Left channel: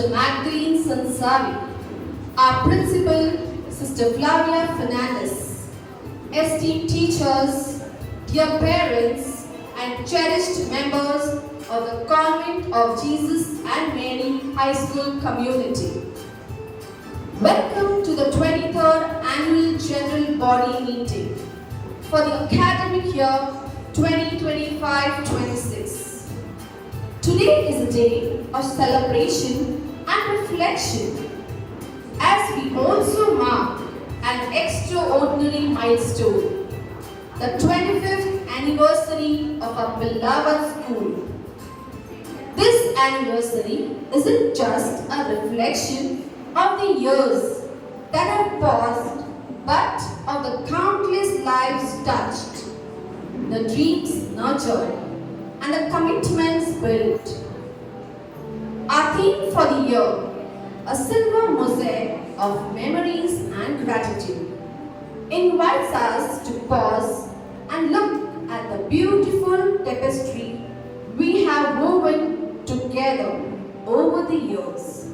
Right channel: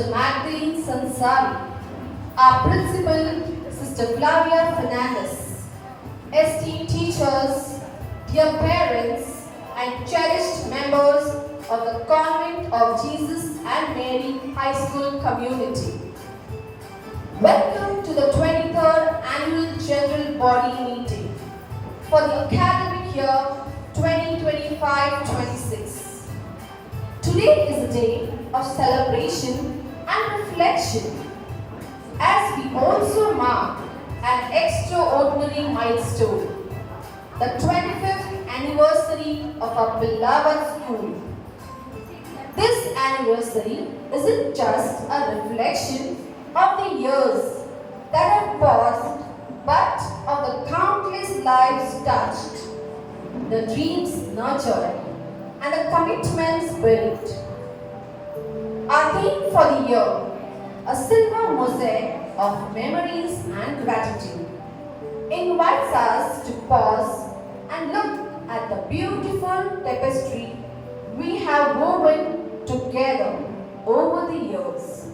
Sister Magdalene Sansari, our principal, Sister Flavia Fernandez, esteemed teachers, dear parents, and cherished members of the Convent of Jesus and Mary High School community. Welcome to the 23rd Annual General Body Meeting for the academic year 2025-26. Today is a day of celebration and reflection as we also mark an extraordinary milestone, the 25th anniversary of our beloved school. This anniversary isn't just a reflection of the years that have passed, but of the countless lives touched, the dreams nurtured, and the commitments built. Our theme for the year, a silver mosaic of memories and gratitude, invites us to pause and look at the beautiful tapestry we have woven together over the years.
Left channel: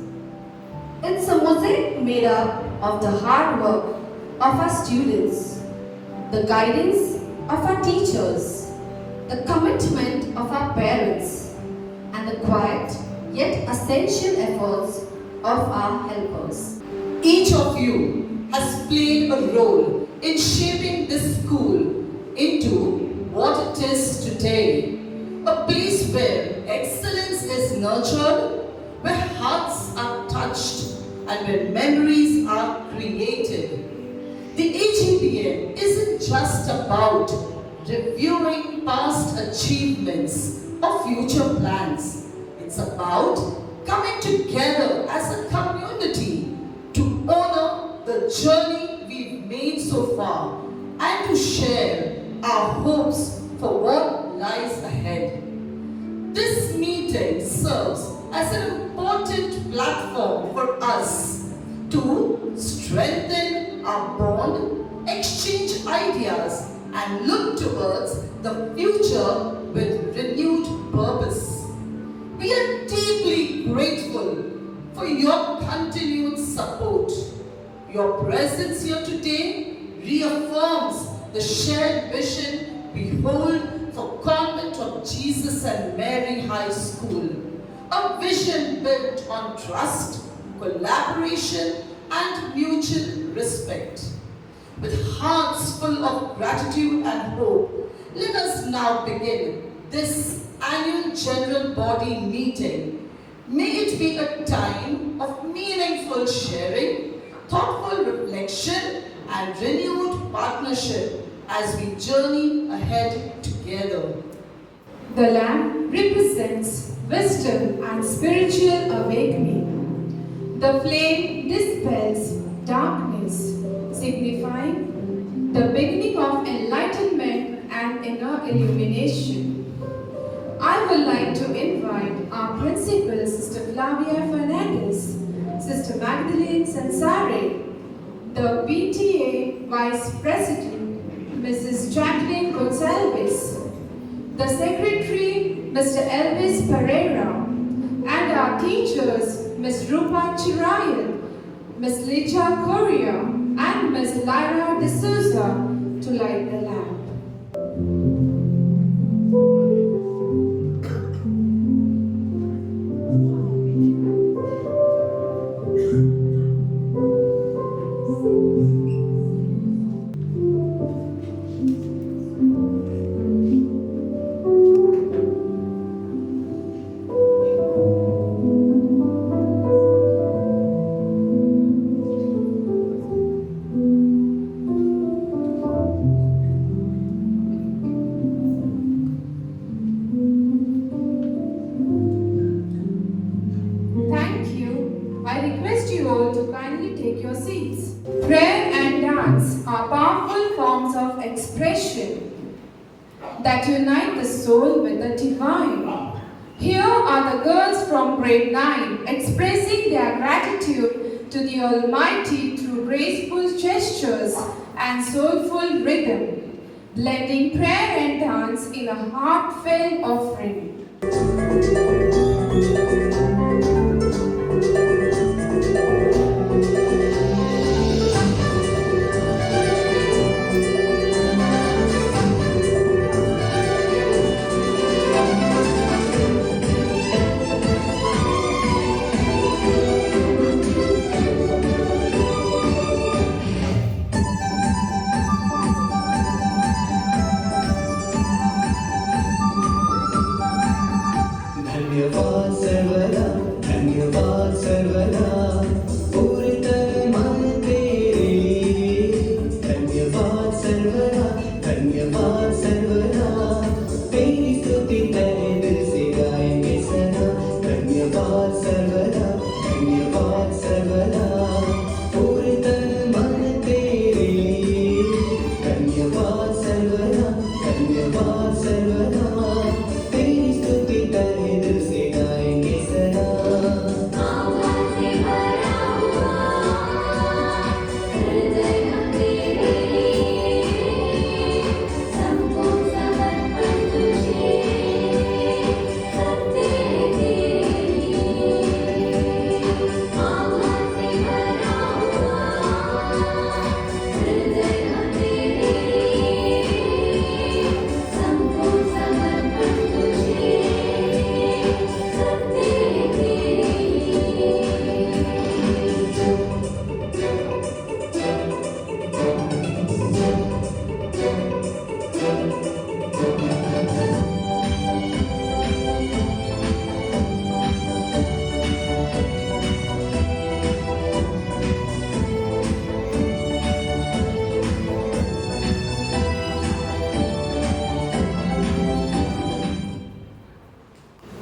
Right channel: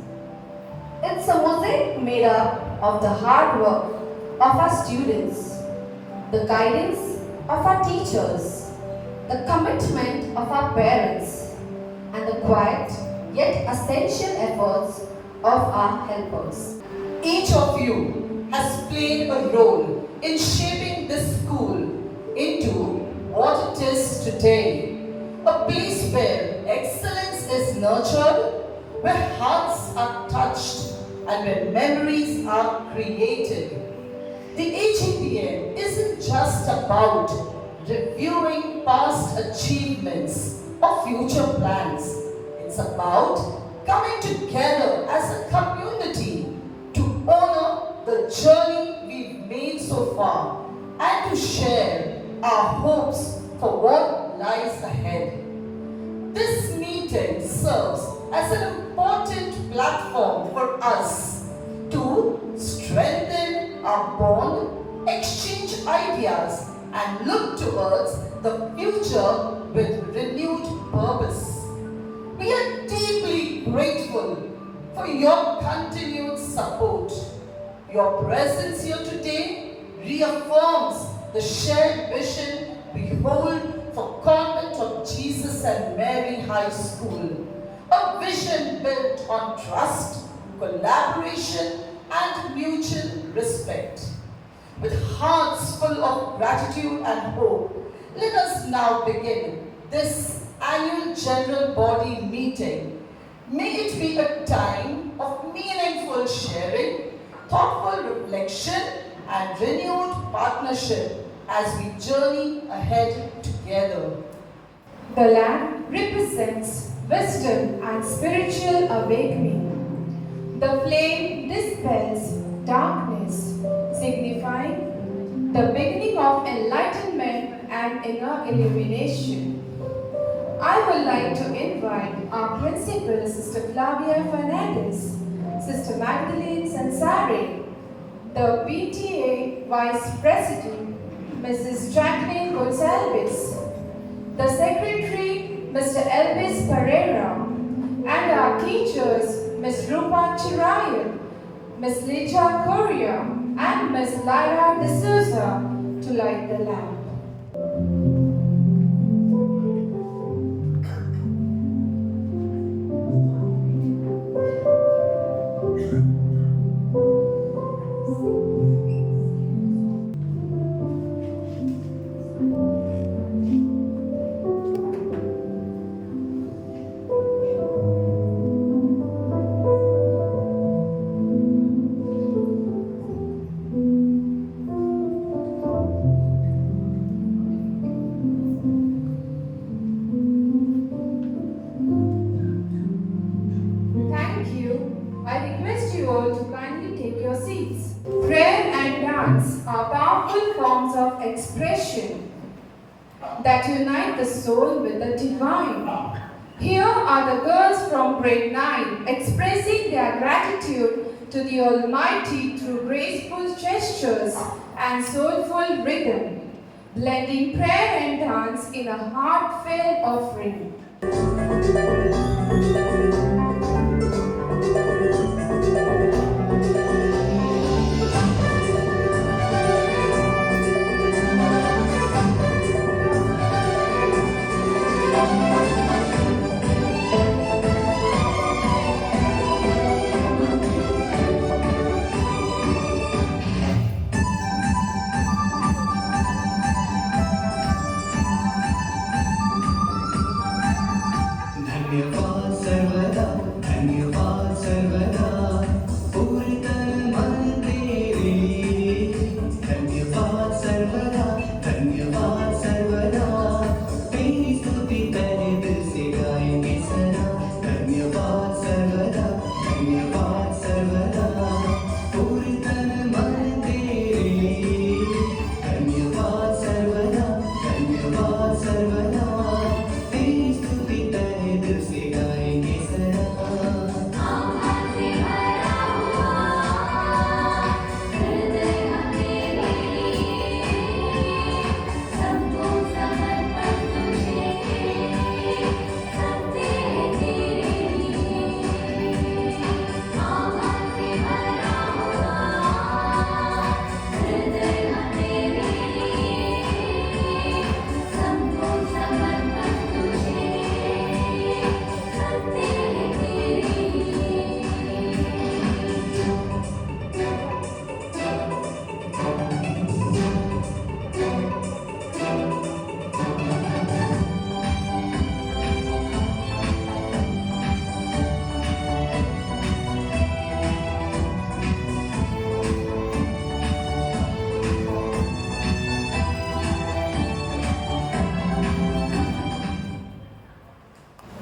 It's a mosaic made up of the hard work of our students, the guidance of our teachers, the commitment of our parents, and the quiet yet essential efforts of our helpers. Each of you has played a role in shaping this school into what it is today, a place where excellence is nurtured, where hearts are touched, and where memories are created. The AGBM isn't just about reviewing past achievements or future plans. It's about coming together as a community to honor the journey we've made so far and to share our hopes for what lies ahead. This meeting serves as an important platform for us to strengthen our bond, exchange ideas, and look towards the future with renewed purpose. We are deeply grateful for your continued support. Your presence here today reaffirms the shared vision we hold for Convent of Jesus and Mary High School, a vision built on trust, collaboration, and mutual respect. With hearts full of gratitude and hope, let us now begin this annual general body meeting. May it be a time of meaningful sharing, thoughtful reflection, and renewed partnership as we journey ahead together. The lamp represents wisdom and spiritual awakening. The flame dispels darkness, signifying the beginning of enlightenment and inner illumination. I would like to invite our principal, Sister Flavia Fernandez, Sister Magdalene Sansari, the PTA Vice President, Mrs. Jacqueline Gonsalves, the Secretary, Mr. Elvis Pereira, and our teachers, Ms. Rupa Chirayan, Ms. Licha Correa, and Ms. Lyra D'Souza to light the lamp. That unite the soul with the divine. Here are the girls from grade 9 expressing their gratitude to the Almighty through graceful gestures and soulful rhythm, blending prayer and dance in a heartfelt offering. धन्यवाद सर्वदा पूर्णतः मन तेरे धन्यवाद सर्वदा तेरी स्तुति तहे दिल से गाएंगे सदा धन्यवाद सर्वदा पूर्णतः मन तेरे धन्यवाद सर्वदा तेरी स्तुति तहे दिल से गाएंगे सदा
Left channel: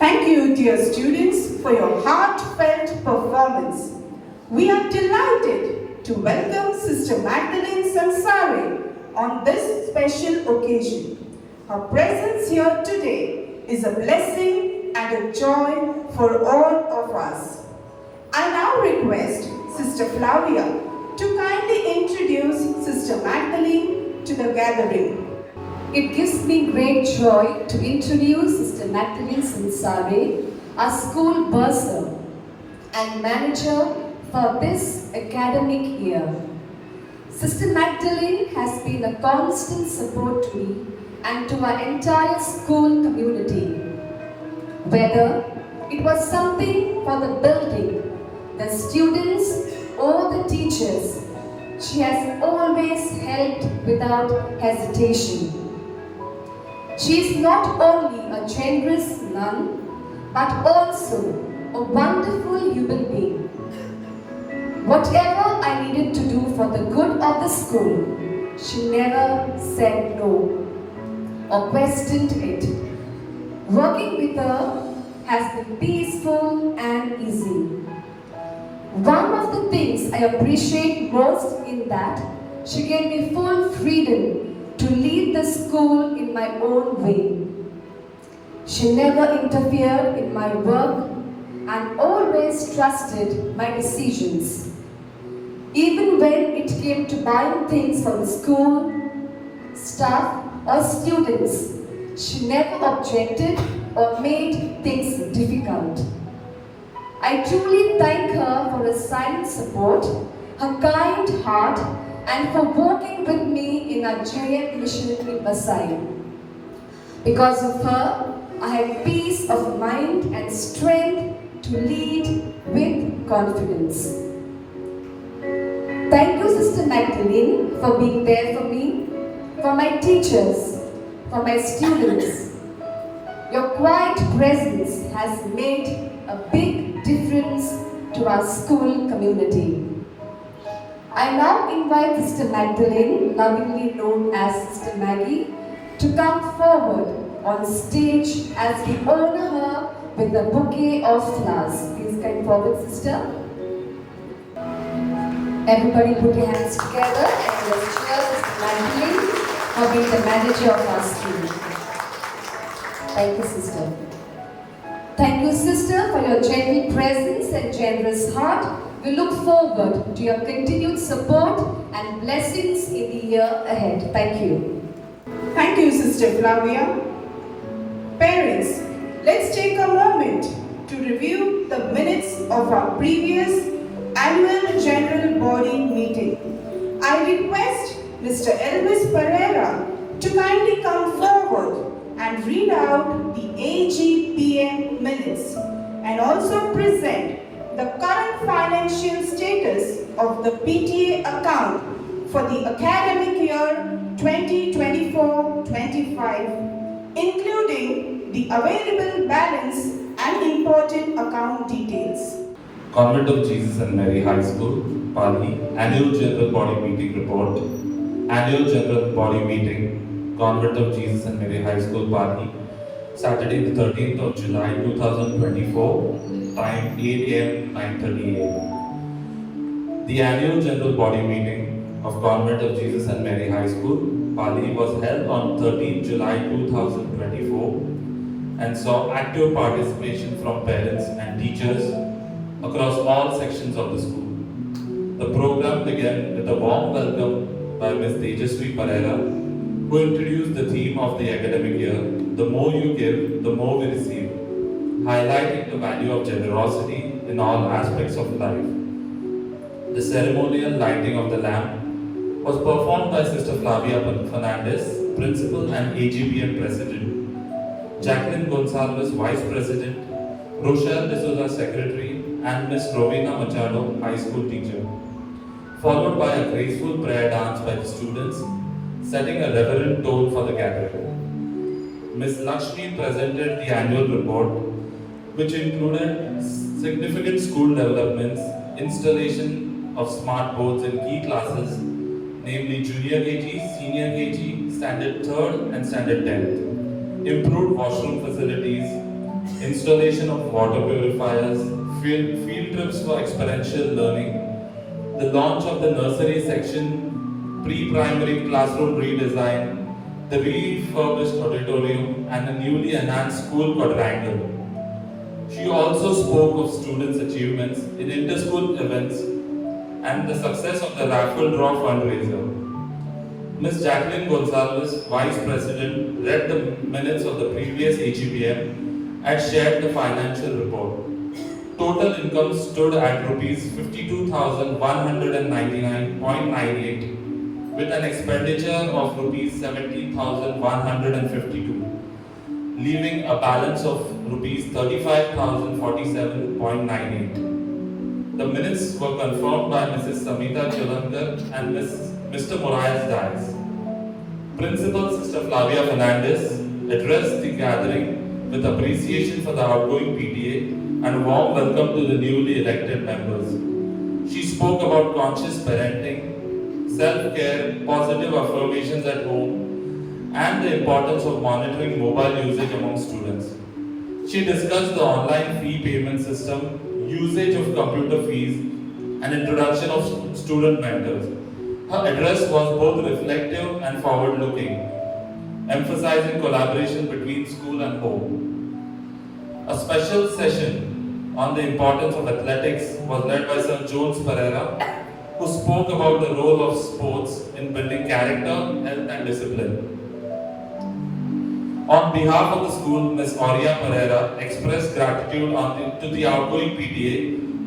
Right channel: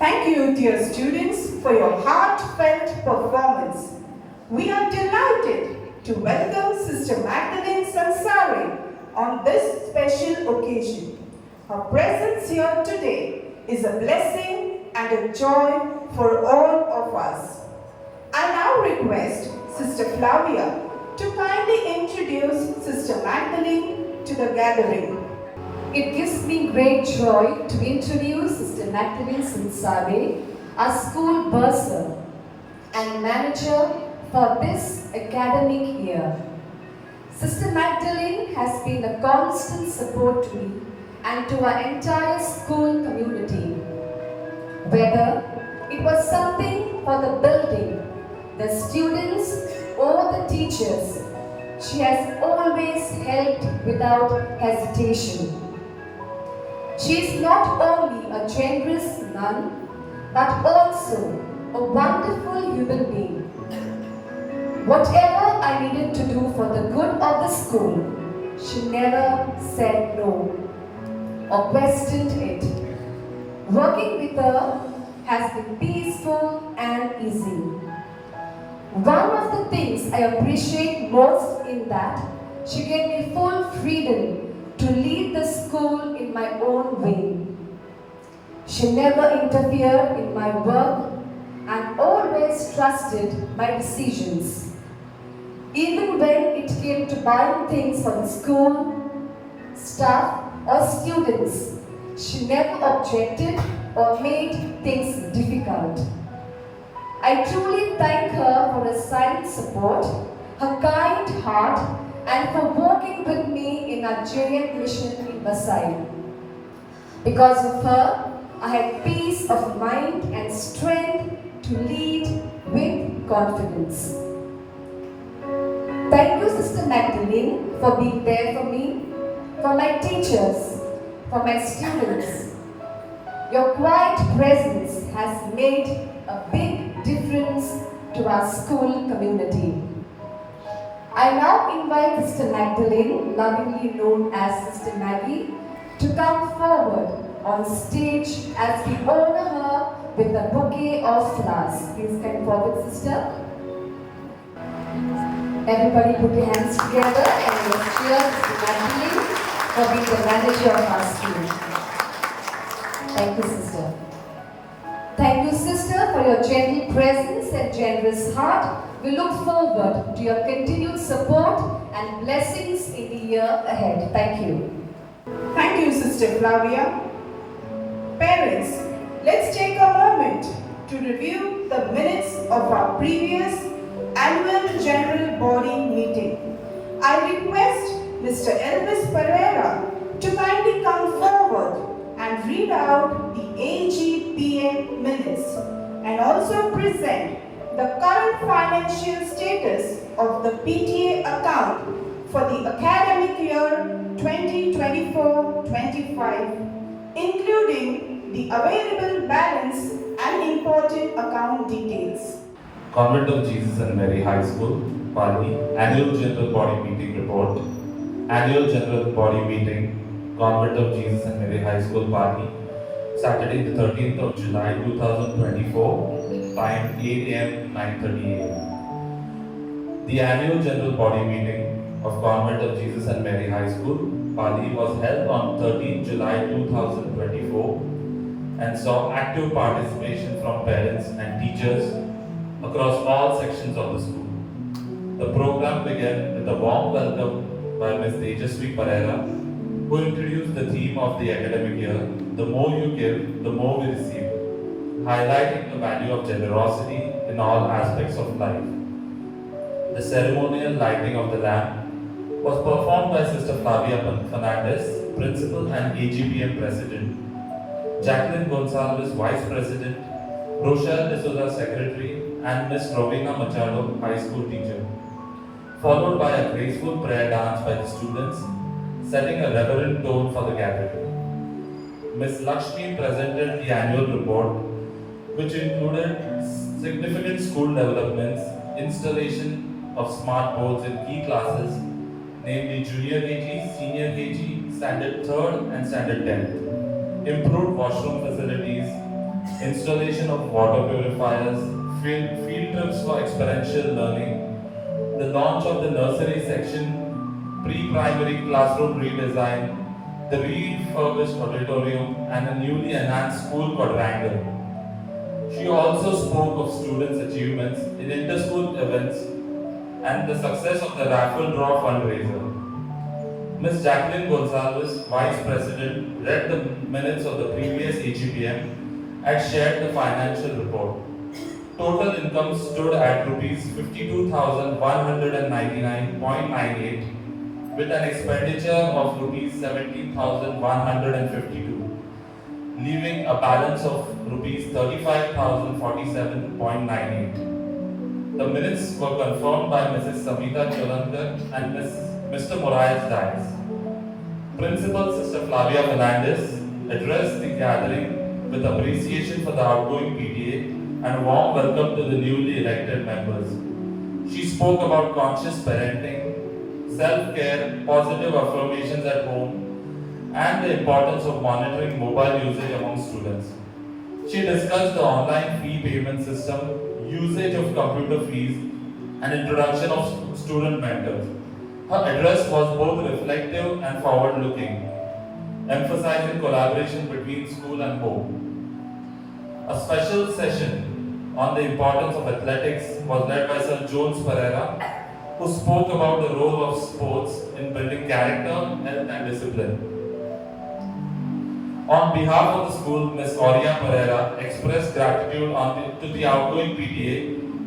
Thank you, dear students, for your heartfelt performance. We are delighted to welcome Sister Magdalene Sansare on this special occasion. Her presence here today is a blessing and a joy for all of us. I now request Sister Flavia to kindly introduce Sister Magdalene to the gathering. It gives me great joy to introduce Sister Magdalene Sansare, our school bursar and manager for this academic year. Sister Magdalene has been a constant support to me and to our entire school community. Whether it was something for the building, the students or the teachers, she has always helped without hesitation. She is not only a generous nun, but also a wonderful human being. Whatever I needed to do for the good of the school, she never said no or questioned it. Working with her has been peaceful and easy. One of the things I appreciate most in that she gave me full freedom to lead the school in my own way. She never interfered in my work and always trusted my decisions. Even when it came to buying things for the school, staff or students, she never objected or made things difficult. I truly thank her for her silent support, her kind heart, and for walking with me in our JM mission in Messiah. Because of her, I had peace of mind and strength to lead with confidence. Thank you, Sister Magdalene, for being there for me, for my teachers, for my students. Your quiet presence has made a big difference to our school community. I now invite Sister Magdalene, lovingly known as Sister Maggie, to come forward on stage as we honor her with a bouquet of flowers. Please come forward, Sister. Everybody put your hands together and let's cheer Sister Magdalene for being the manager of our school. Thank you, Sister. Thank you, Sister, for your gentle presence and generous heart. We look forward to your continued support and blessings in the year ahead. Thank you. Thank you, Sister Flavia. Parents, let's take a moment to review the minutes of our previous annual general body meeting. I request Mr. Elvis Pereira to kindly come forward and read out the AGPM minutes and also present the current financial status of the PTA account for the academic year 2024-25, including the available balance and imported account details. Convent of Jesus and Mary High School, Pali, Annual General Body Meeting Report. Annual General Body Meeting, Convent of Jesus and Mary High School, Pali, Saturday the 13th of July 2024, time 8 am, 9:30 am. The Annual General Body Meeting of Convent of Jesus and Mary High School, Pali was held on 13th July 2024 and saw active participation from parents and teachers across all sections of the school. The program began with a warm welcome by Ms. Tejaswi Pereira, who introduced the theme of the academic year, "The more you give, the more we receive," highlighting the value of generosity in all aspects of life. The ceremonial lighting of the lamp was performed by Sister Flavia Fernandez, Principal and AGPM President, Jacqueline Gonsalves, Vice President, Rochelle D'Souza, Secretary, and Ms. Rowena Machado, High School teacher, followed by a graceful prayer dance by the students, setting a reverent tone for the gathering. Ms. Lakshmi presented the annual report, which included significant school developments, installation of smart boards in key classes, namely Junior KG, Senior KG, Standard 3rd and Standard 10th, improved washroom facilities, installation of water purifiers, field trips for experiential learning, the launch of the nursery section, pre-primary classroom redesign, the refurbished auditorium, and a newly enhanced school quadrangle. She also spoke of students' achievements in inter-school events and the success of the raffle draw fundraiser. Ms. Jacqueline Gonsalves, Vice President, read the minutes of the previous AGPM and shared the financial report. Total income stood at rupees 52,199.98 with an expenditure of rupees 70,152, leaving a balance of rupees 35,047.98. The minutes were confirmed by Mrs. Samita Cholankar and Mr. Moraes Dias. Principal Sister Flavia Fernandez addressed the gathering with appreciation for the outgoing PTA and a warm welcome to the newly elected members. She spoke about conscious parenting, self-care, positive affirmations at home, and the importance of monitoring mobile usage among students. She discussed the online fee payment system, usage of computer fees, and introduction of student mentors. Her address was both reflective and forward-looking, emphasizing collaboration between school and home. A special session on the importance of athletics was led by Sir Jones Pereira, who spoke about the role of sports in building character, health, and discipline. On behalf of the school, Ms. Aurea Pereira expressed gratitude to the outgoing PTA,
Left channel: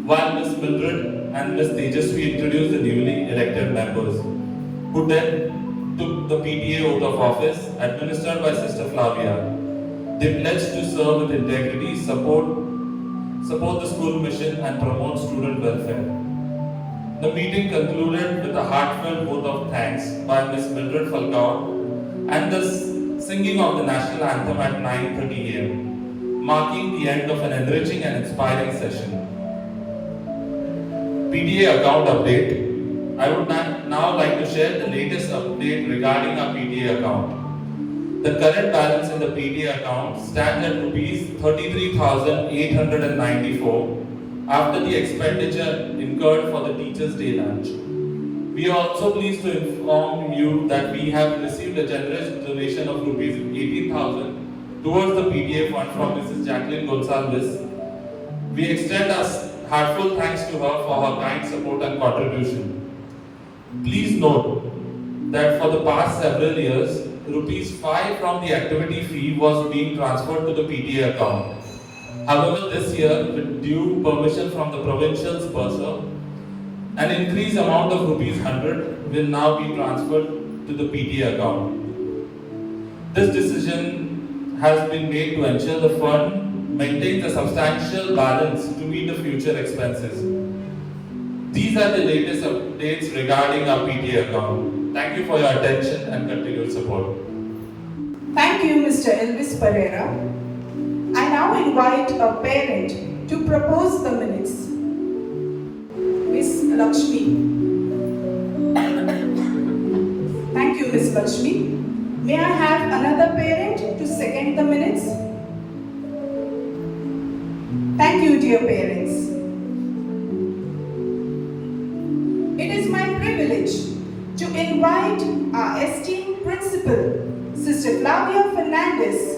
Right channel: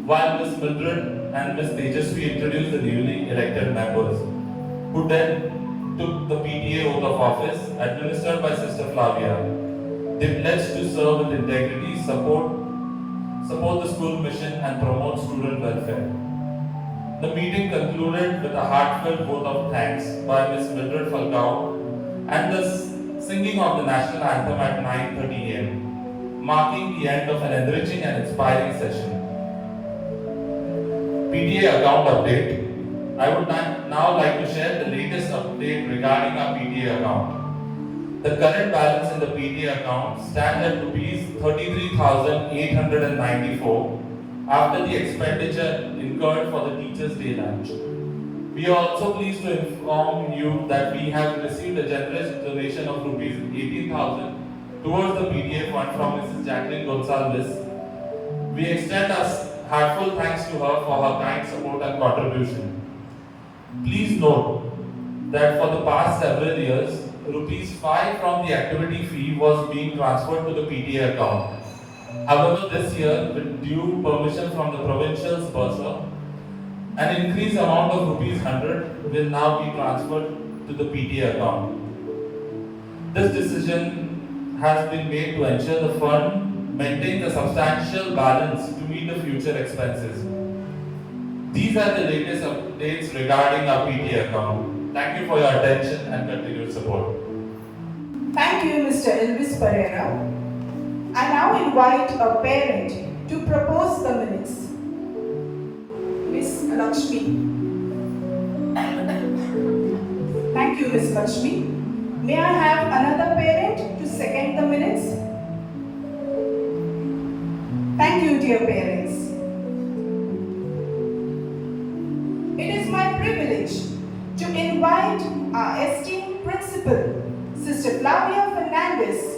while Ms. Mildred and Ms. Tejaswi introduced the newly elected members, who then took the PTA oath of office administered by Sister Flavia. They pledged to serve with integrity, support the school mission, and promote student welfare. The meeting concluded with a heartfelt vote of thanks by Ms. Mildred Falcao and the singing of the national anthem at 9:30 am, marking the end of an enriching and inspiring session. PTA account update. I would now like to share the latest update regarding our PTA account. The current balance in the PTA account stands at rupees 33,894 after the expenditure incurred for the Teachers' Day lunch. We are also pleased to inform you that we have received a generous donation of rupees 18,000 towards the PTA fund from Mrs. Jacqueline Gonsalves. We extend our heartfelt thanks to her for her kind support and contribution. Please note that for the past several years, rupees 5 from the activity fee was being transferred to the PTA account. However, this year, with due permission from the provincial's bursar, an increased amount of rupees 100 will now be transferred to the PTA account. This decision has been made to ensure the fund maintains a substantial balance to meet the future expenses. These are the latest updates regarding our PTA account. Thank you for your attention and continued support. Thank you, Mr. Elvis Pereira. I now invite a parent to propose the minutes. Lakshmi. May I have another parent to second the minutes? Thank you, dear parents. It is my privilege to invite our esteemed principal, Sister Flavia Fernandez,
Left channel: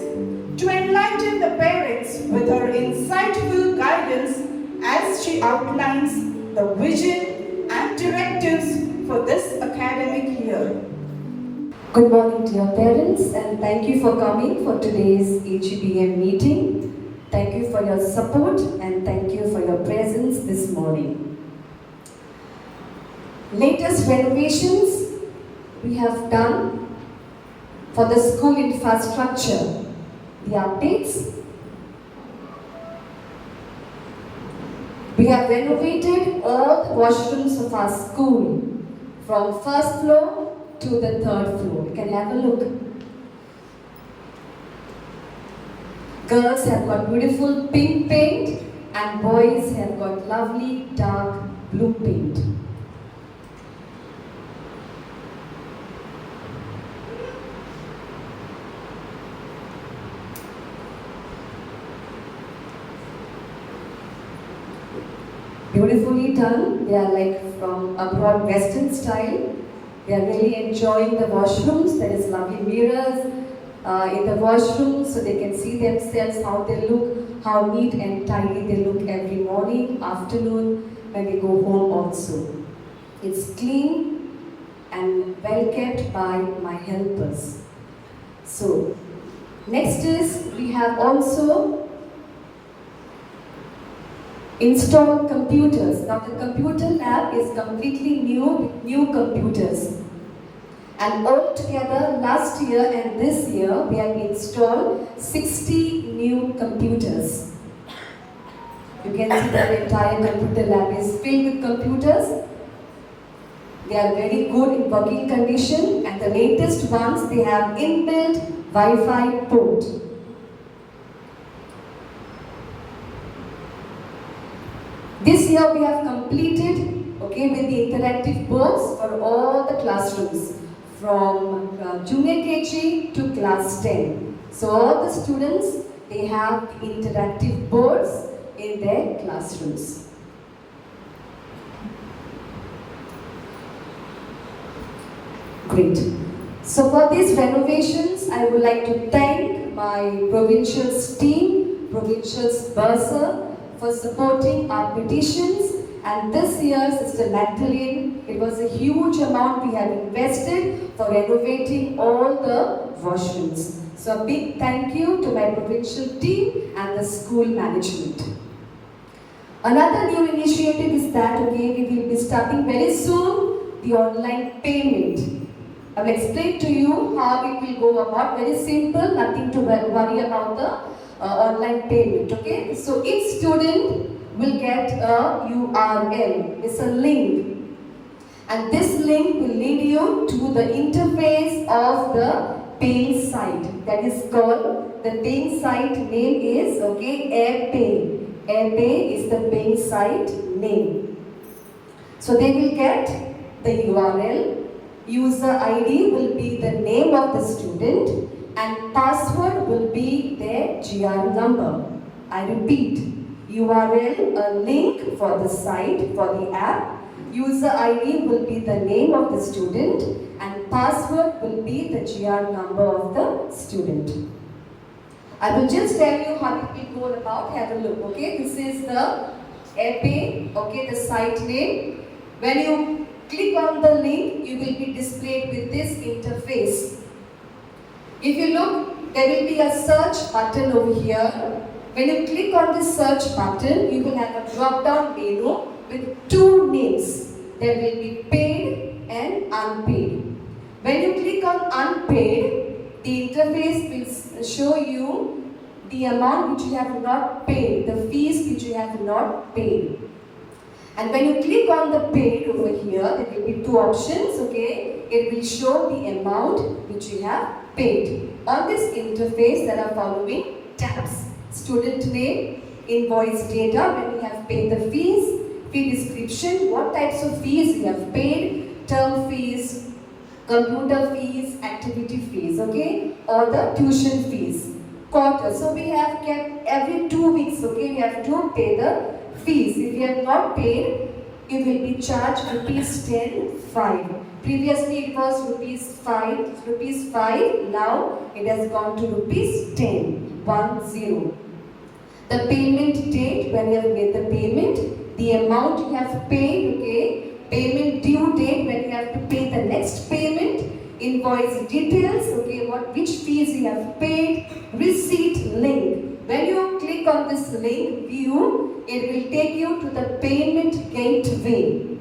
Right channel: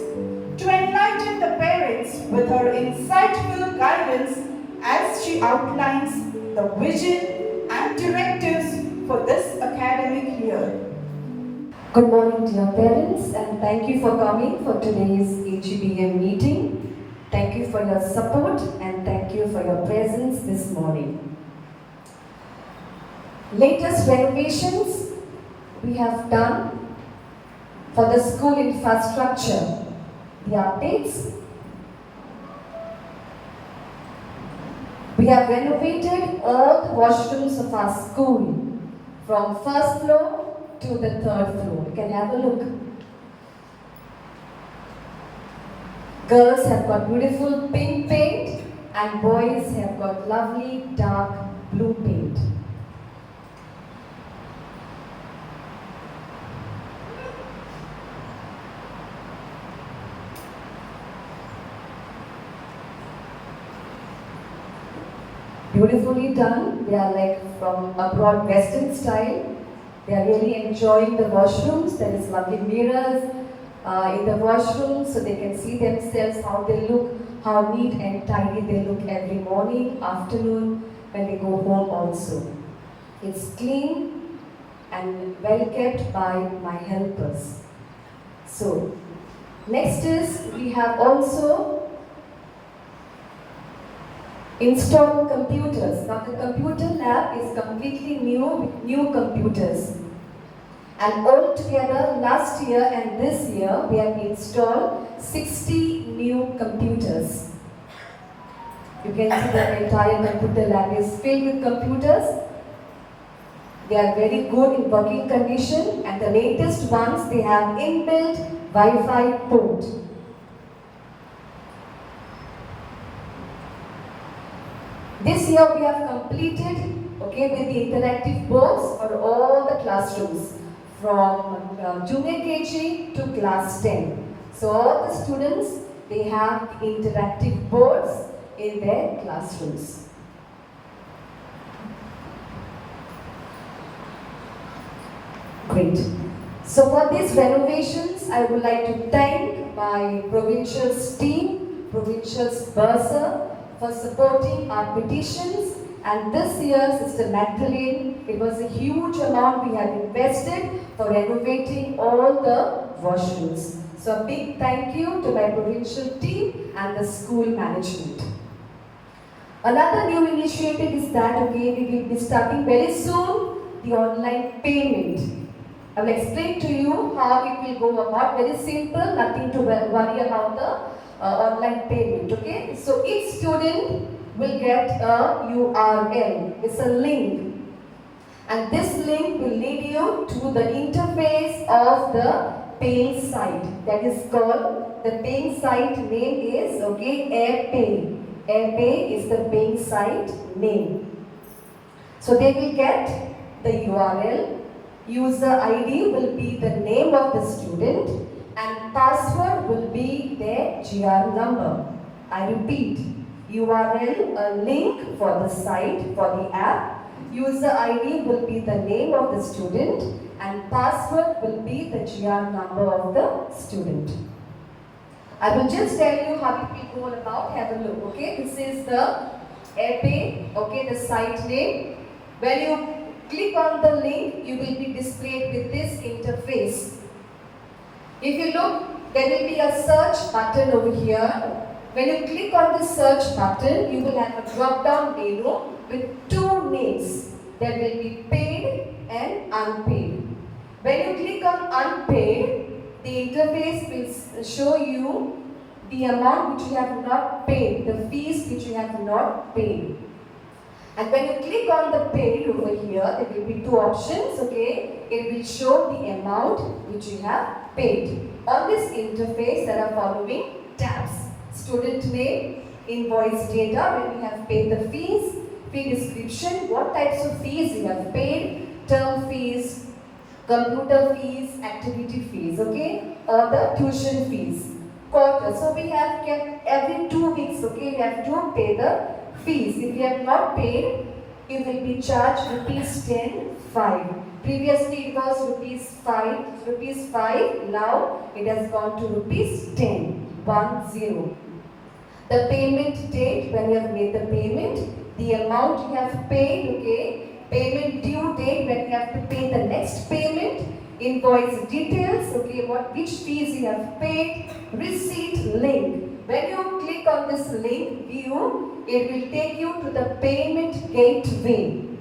to enlighten the parents with her insightful guidance as she outlines the vision and directives for this academic year. Good morning, dear parents, and thank you for coming for today's AGBM meeting. Thank you for your support and thank you for your presence this morning. Latest renovations we have done for the school infrastructure. The updates. We have renovated all the washrooms of our school from first floor to the third floor. Can you have a look? Girls have got beautiful pink paint and boys have got lovely dark blue paint. Beautifully done. They are like from abroad Western style. They are really enjoying the washrooms. There is lovely mirrors in the washrooms so they can see themselves, how they look, how neat and tidy they look every morning, afternoon, when they go home also. It's clean and well kept by my helpers. So, next is we have also install computers. Now the computer lab is completely new with new computers. And all together last year and this year we have installed 60 new computers. You can see that the entire computer lab is filled with computers. They are very good in working condition and the latest ones they have inbuilt Wi-Fi port. This year we have completed with the interactive boards for all the classrooms from junior KG to class 10. So all the students, they have the interactive boards in their classrooms. Great. So for these renovations, I would like to thank my provincial's team, provincial's bursar, for supporting our petitions, and this year, Sister Magdalene, it was a huge amount we have invested for renovating all the washrooms. So a big thank you to my provincial team and the school management. Another new initiative is that we will be starting very soon the online payment. I will explain to you how it will go about. Very simple, nothing to worry about the online payment, okay? So each student will get a URL, it's a link. And this link will lead you to the interface of the paying site. That is called, the paying site name is, AirPay. AirPay is the paying site name. So they will get the URL, user ID will be the name of the student, and password will be their GR number. I repeat, URL, a link for the site, for the app. User ID will be the name of the student and password will be the GR number of the student. I will just tell you how it will go about. Have a look, okay? This is the AirPay, the site name. When you click on the link, you will be displayed with this interface. If you look, there will be a search button over here. When you click on the search button, you will have a drop-down menu with two names. There will be paid and unpaid. When you click on unpaid, the interface will show you the amount which you have not paid, the fees which you have not paid. And when you click on the paid over here, there will be two options, It will show the amount which you have paid. On this interface, there are following tabs. Student name, invoice data, when you have paid the fees, fee description, what types of fees you have paid, term fees, computer fees, and activity fees, okay, or the tuition fees. Quarter. So we have kept every 2 weeks, okay, we have to pay the fees. If you have not paid, you will be charged rupees 10 fine. Previously it was rupees 5, now it has gone to rupees 10, 10. The payment date, when you have made the payment, the amount you have paid, okay, payment due date, when you have to pay the next payment, invoice details, okay, which fees you have paid, receipt link. When you click on this link, view, it will take you to the payment gateway.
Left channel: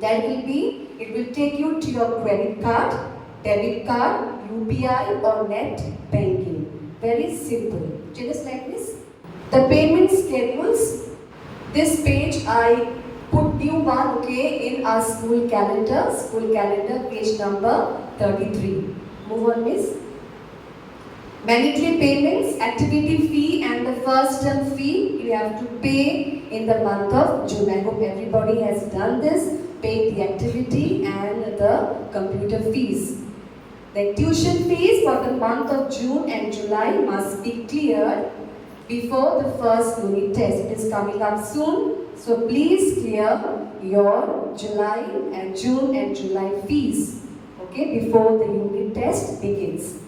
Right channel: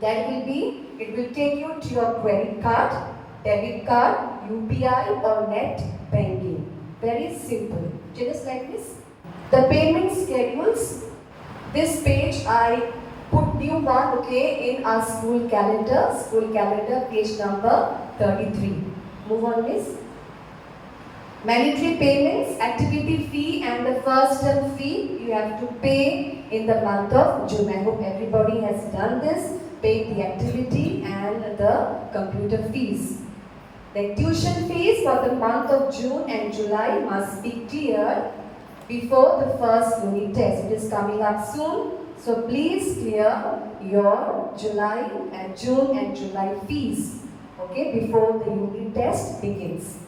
It will take you to your credit card, debit card, UPI or net banking. Very simple. Just like this. The payment schedules. This page I put new one, okay, in our school calendar. School calendar, page number 33. Move on, miss. Mandatory payments, activity fee and the first term fee you have to pay in the month of June. I hope everybody has done this. Pay the activity and the computer fees. The tuition fees for the month of June and July must be cleared before the first unit test. It is coming up soon. So please clear your July and June and July fees, okay, before the unit test begins.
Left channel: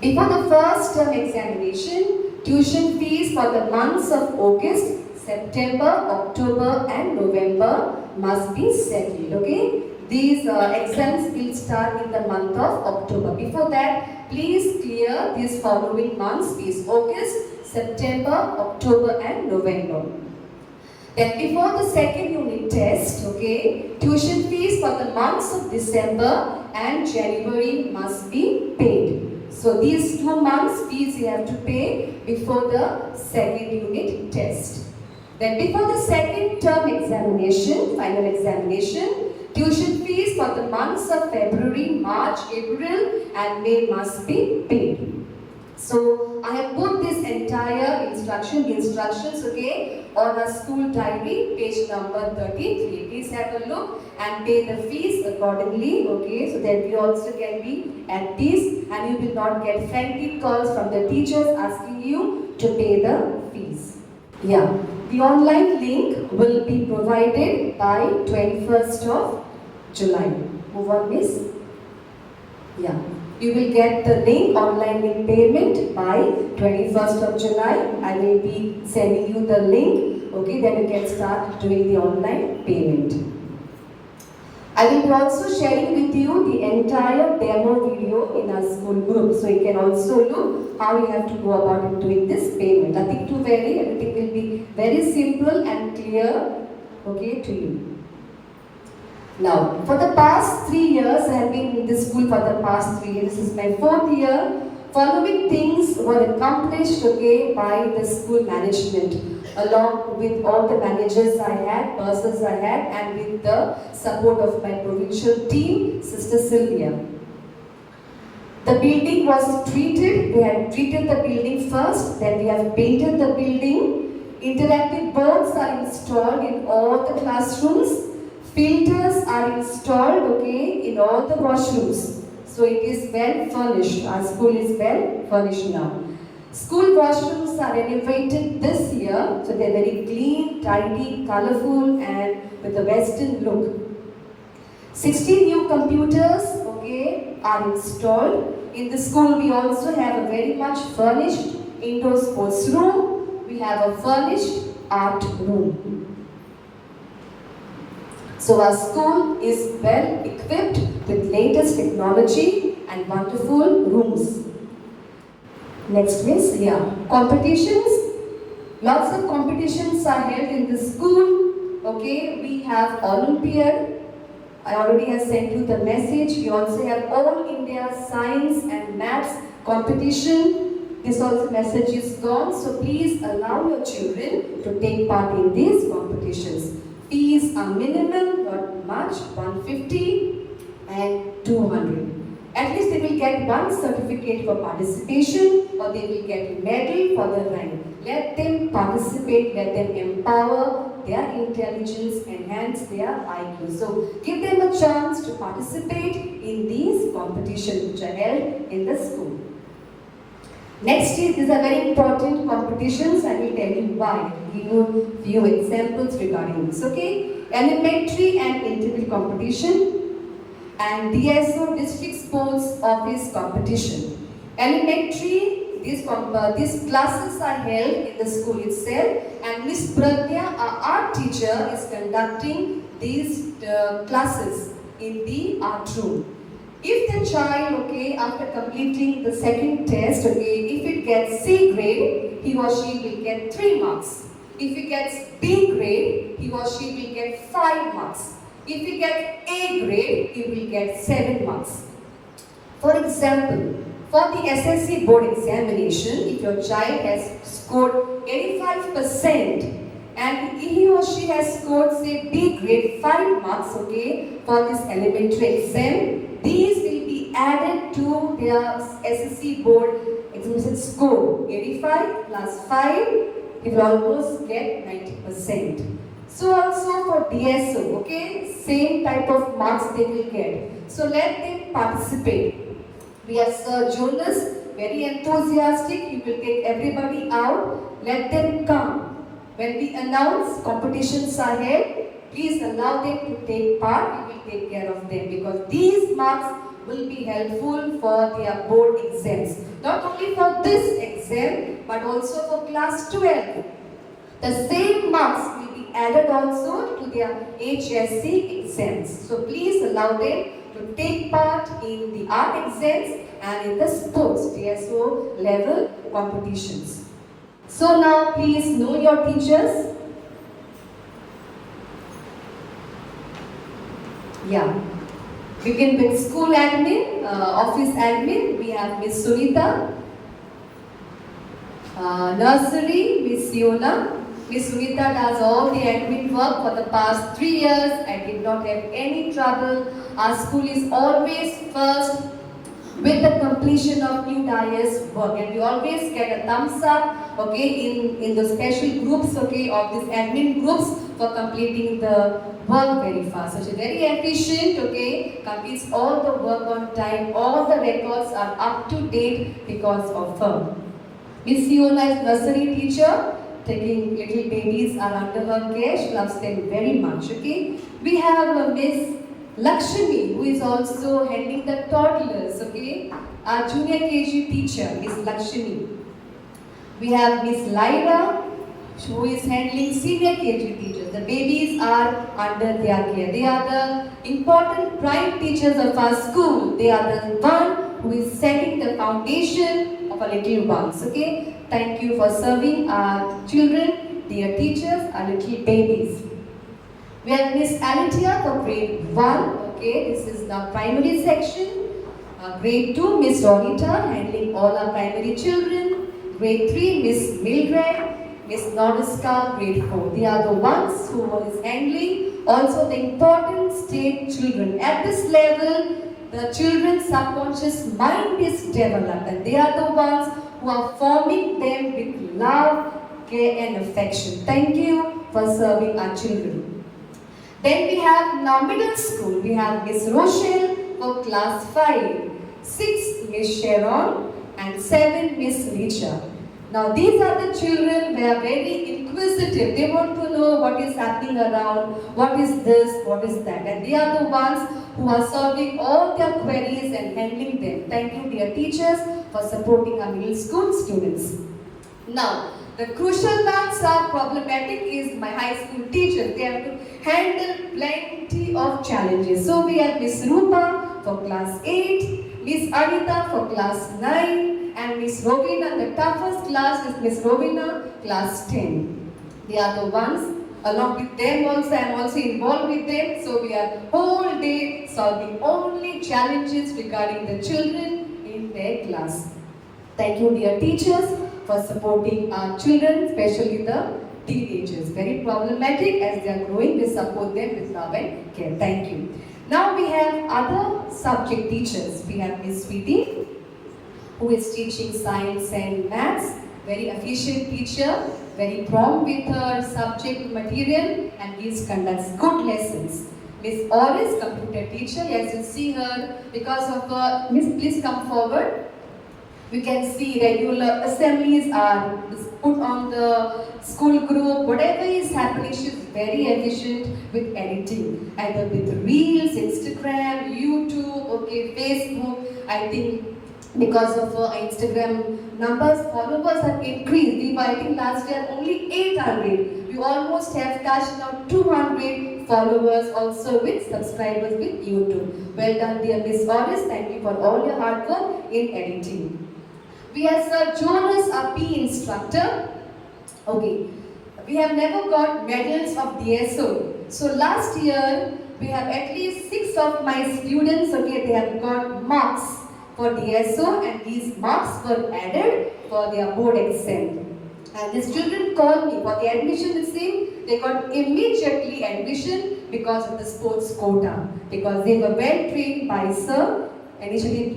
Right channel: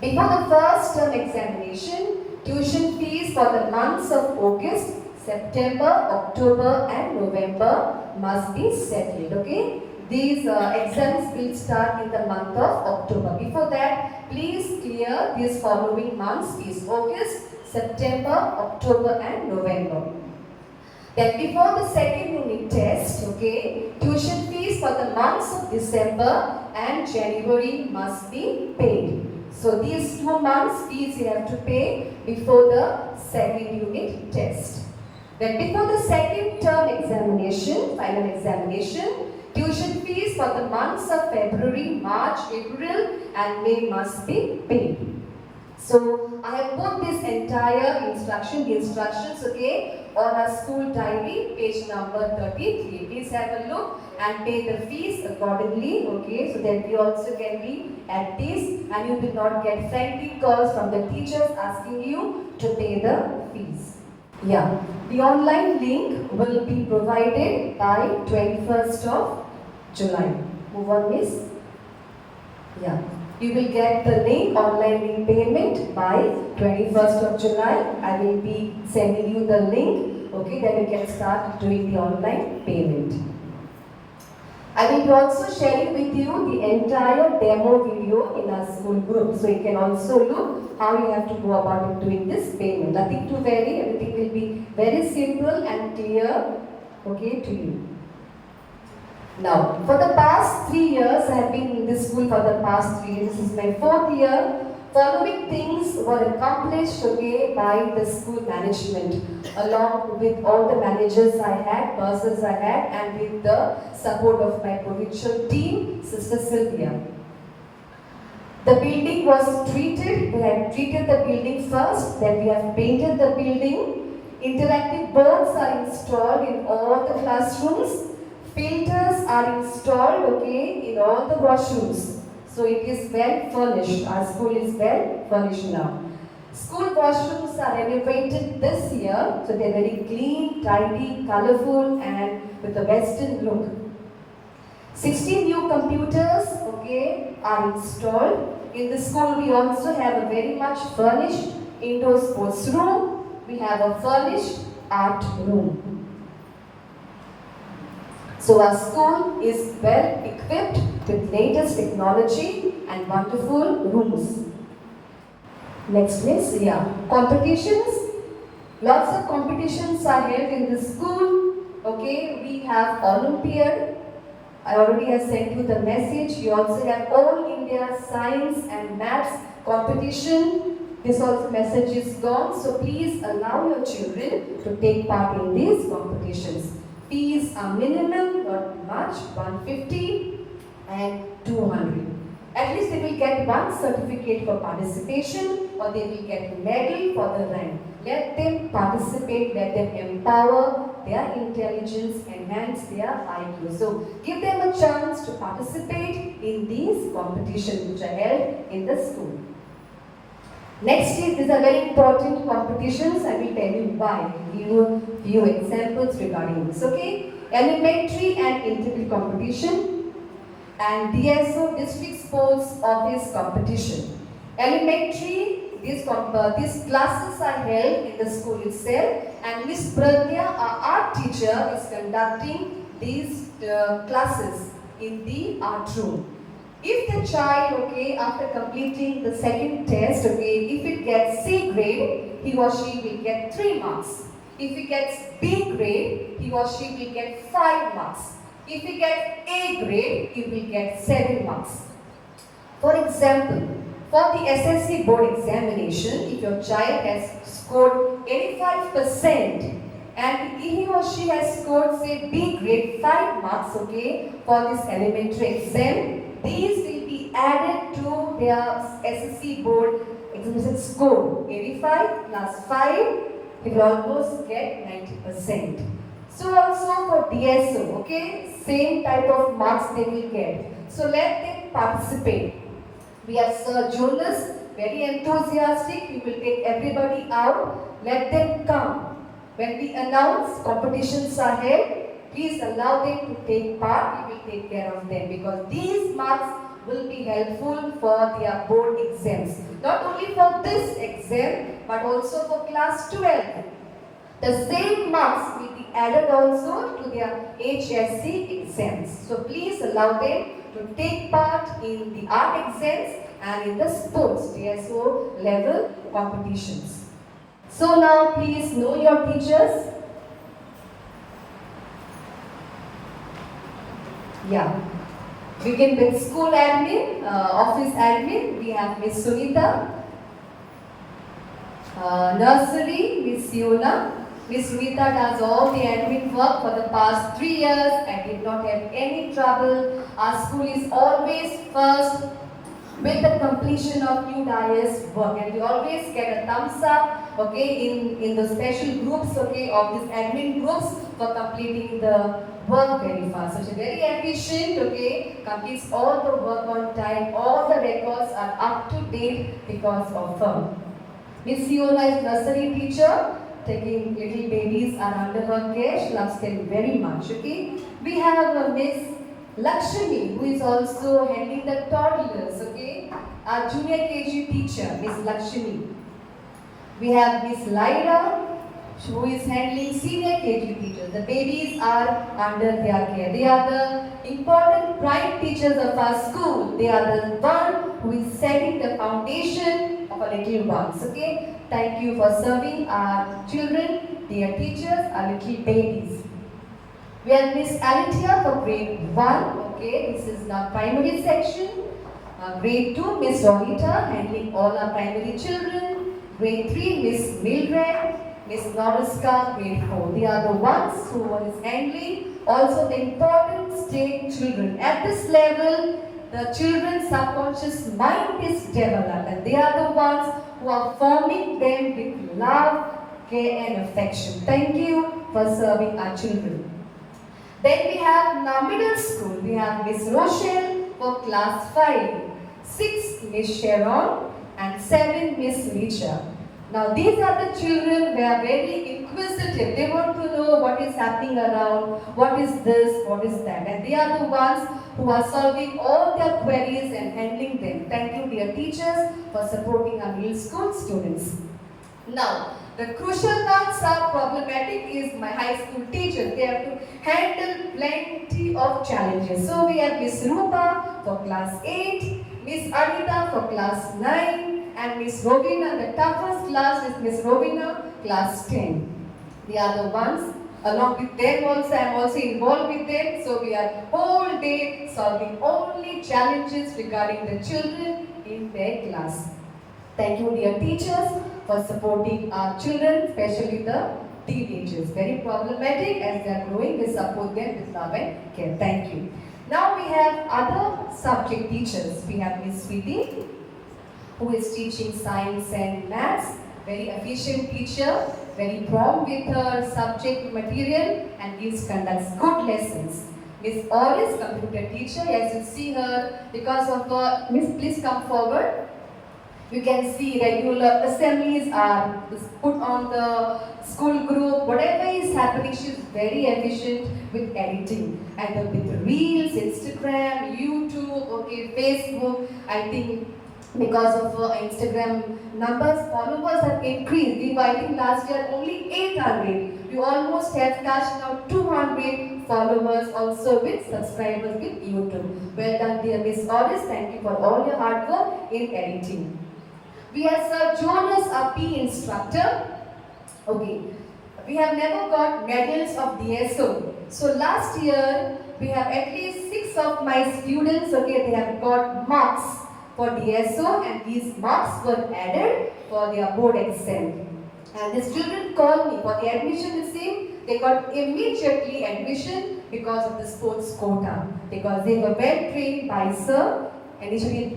Before the first term examination, tuition fees for the months of August, September, October and November must be settled, okay? These exams will start in the month of October. Before that, please clear these following months fees: August, September, October and November. Then before the second unit test, okay, tuition fees for the months of December and January must be paid. So these 2 months fees you have to pay before the second unit test. Then before the second term examination, final examination, tuition fees for the months of February, March, April and May must be paid. So I have put this entire instructions, okay, on our school diary, page number 33. Please have a look and pay the fees accordingly, okay, so that we also can be at peace and you will not get frantic calls from the teachers asking you to pay the fees. Yeah, the online link will be provided by 21st of July. Move on, miss. Yeah. You will get the link, online link payment by 21st of July. I will be sending you the link, okay, then you can start doing the online payment. I will be also sharing with you the entire demo video in our school group, so you can also look how you have to go about doing this payment. Nothing to vary, everything will be very simple and clear, okay, to you. Now, for the past 3 years, I have been in this school for the past 3 years. This is my 4th year. Following things were accomplished, okay, by the school management, along with all the managers I had, bursars I had, and with the support of my provincial team, Sister Sylvia. The building was treated. We had treated the building first, then we have painted the building. Interactive boards are installed in all the classrooms. Filters are installed, okay, in all the washrooms. So it is well furnished. Our school is well furnished now. School washrooms are renovated this year, so they are very clean, tidy, colorful and with a western look. 16 new computers, okay, are installed. In the school we also have a very much furnished indoor sports room. We have a furnished art room. So our school is well equipped with latest technology and wonderful rooms. Next miss, yeah. Competitions. Lots of competitions are held in the school. Okay, we have Olympiad. I already have sent you the message. We also have All India Science and Maths competition. This also message is gone. So please allow your children to take part in these competitions. Fees are minimal, not much, 150 and 200. At least they will get one certificate for participation or they will get a medal for the rank. Let them participate, let them empower their intelligence, enhance their IQ. So give them a chance to participate in these competitions which are held in the school. Next is a very important competitions. I will tell you why. I will give you a few examples regarding this. Okay, elementary and integral competition and DSO district sports office competition. Elementary, these classes are held in the school itself, and Miss Pradya, our art teacher, is conducting these classes in the art room. If the child, okay, after completing the second test, okay, if it gets C grade, he or she will get 3 marks. If he gets B grade, he or she will get 5 marks. If he gets A grade, he will get 7 marks. For example, for the SSC board examination, if your child has scored 85% and he or she has scored, say, B grade 5 marks, okay, for this elementary exam, these will be added to their SSC board examination score. 85 plus 5, he will almost get 90%. So also for DSO, okay, same type of marks they will get. So let them participate. We have Sir Jonas, very enthusiastic. He will take everybody out. Let them come. When we announce competitions are held, please allow them to take part. We will take care of them because these marks will be helpful for their board exams. Not only for this exam, but also for class 12. The same marks will be added also to their HSC exams. So please allow them to take part in the art exams and in the sports DSO level competitions. So now please know your teachers. Yeah. Begin with school admin, office admin. We have Miss Sunita. Nursery, Miss Siona. Miss Sunita does all the admin work for the past 3 years. I did not have any trouble. Our school is always first with the completion of new DIS work, and we always get a thumbs up, okay, in the special groups, okay, of these admin groups for completing the work very fast. So she's very efficient, okay, completes all the work on time, all the records are up to date because of her. Miss Siona is nursery teacher, taking little babies are under her care. She loves them very much, okay. We have Miss Lakshmi, who is also handling the toddlers, okay. Our junior KG teacher, Miss Lakshmi. We have Miss Laila, who is handling senior KG teachers. The babies are under their care. They are the important prime teachers of our school. They are the one who is setting the foundation of our little ones, okay. Thank you for serving our children, dear teachers, our little babies. We have Miss Alitia for grade 1, okay, this is the primary section. Grade 2, Miss Ronita, handling all our primary children. Grade 3, Miss Mildred, Miss Nordiska, grade 4. They are the ones who is handling also the important state children. At this level, the children's subconscious mind is developed, and they are the ones who are forming them with love, care and affection. Thank you for serving our children. Then we have now middle school. We have Miss Rochelle for class 5, 6 Miss Sharon and 7 Miss Richa. Now these are the children who are very inquisitive. They want to know what is happening around, what is this, what is that. And they are the ones who are solving all their queries and handling them. Thank you dear teachers for supporting our middle school students. Now, the crucial ones are problematic is my high school teachers. They have to handle plenty of challenges. So we have Miss Rupa for class 8, Miss Anita for class 9, and Miss Rovina. The toughest class is Miss Rovina, class 10. They are the ones. Along with them also, I am also involved with them. So we are whole day solving only challenges regarding the children in their class. Thank you dear teachers for supporting our children, especially the teenagers. Very problematic as they are growing, we support them with love and care. Thank you. Now we have other subject teachers. We have Miss Sweetie, who is teaching science and maths. Very efficient teacher, very prompt with her subject material and conducts good lessons. Miss Oris, computer teacher, as you see her, because of her, Miss, please come forward. You can see regular assemblies are put on the school group. Whatever is happening, she's very efficient with editing. Either with Reels, Instagram, YouTube, okay, Facebook. I think because of Instagram numbers, followers have increased. We were, I think last year only 800. We almost have touched now 200 followers also with subscribers with YouTube. Well done, dear Miss Oris. Thank you for all your hard work in editing. We have Sir Jonas, a PE instructor. Okay, we have never got medals of DSO. So last year, we have at least 6 of my students, okay, they have got marks for DSO and these marks were added for their board exam. And the student called me for the admission, you see, they got immediately admission because of the sports quota. Because they were well trained by Sir. Initially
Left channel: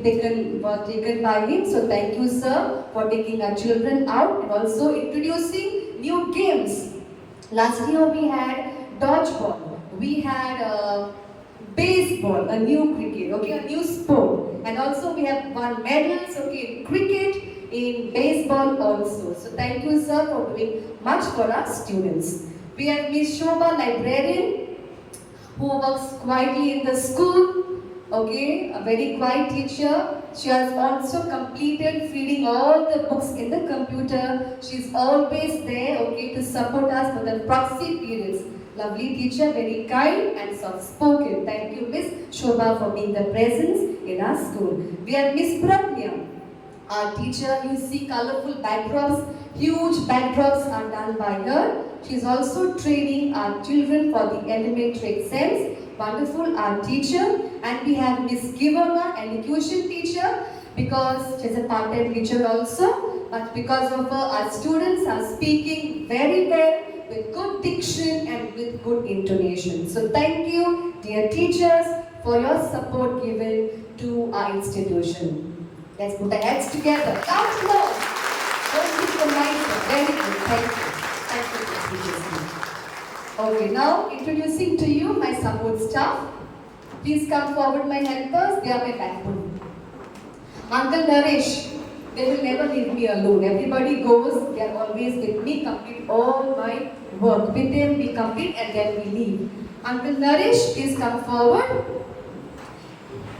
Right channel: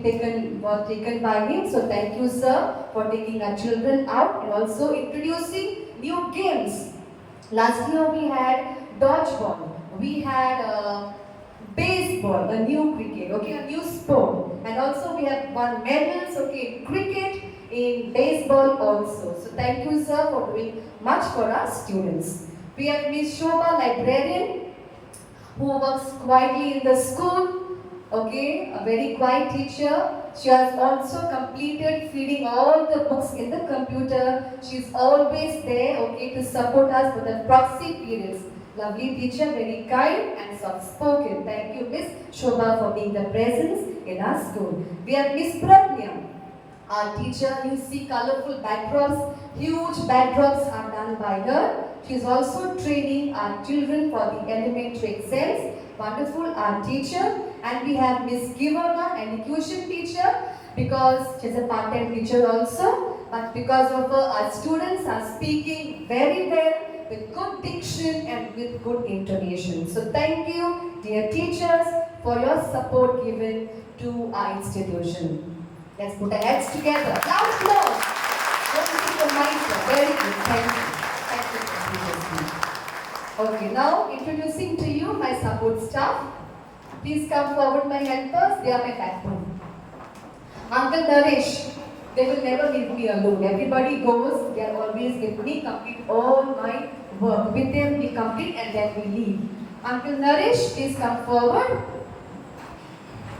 was taken by him, so thank you, sir, for taking our children out and also introducing new games. Last year we had dodgeball, we had baseball, a new cricket, okay, a new sport, and also we have won medals, okay, in cricket, in baseball also. So thank you, sir, for doing much for our students. We have Miss Shobha, librarian, who works quietly in the school. Okay, a very quiet teacher. She has also completed feeding all the books in the computer. She's always there, okay, to support us for the proxy periods. Lovely teacher, very kind and soft-spoken. Thank you, Miss Shobha, for being the presence in our school. We have Miss Pratnya, our teacher. You see colorful backdrops. Huge backdrops are done by her. She's also training our children for the elementary exams. Wonderful art teacher. And we have Miss Givana, an elocution teacher, because she's a part-time teacher also. But because of her, our students are speaking very well, with good diction and with good intonation. So thank you, dear teachers, for your support given to our institution. Let's put our hands together. Loud applause. Very good. Thank you. Thank you for teachers. Okay, now introducing to you my support staff. Please come forward, my helpers. They are my backbone. Uncle Naresh, they will never leave me alone. Everybody goes, they are always with me, complete all my work. With them, we complete and then we leave. Uncle Naresh, please come forward.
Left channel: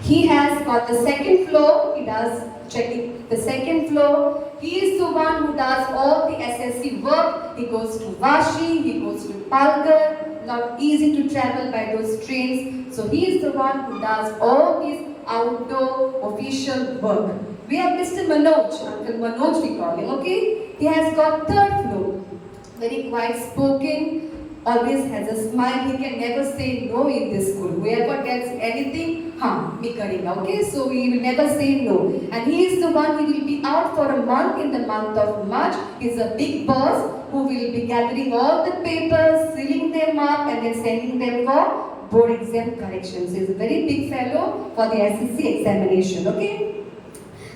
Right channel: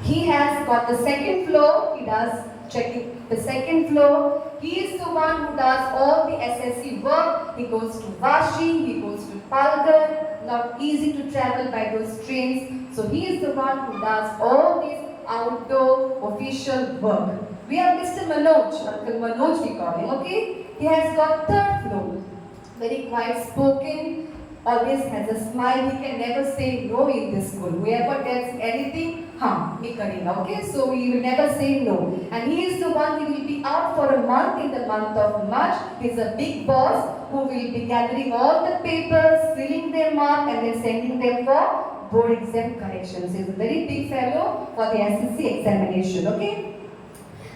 He has got the second floor. He does checking the second floor. He is the one who does all the SSC work. He goes to Vashi, he goes to Palghar. Not easy to travel by those trains. So he is the one who does all this outdoor official work. We have Mr. Manoj, Uncle Manoj we call him, okay? He has got third floor. Very quiet spoken, always has a smile. He can never say no in this school. Whoever gets anything, me karega, okay? So he will never say no. And he is the one who will be out for a month in the month of March. He is a big boss who will be gathering all the papers, sealing them up and then sending them for board exam corrections. He is a very big fellow for the SSC examination, okay?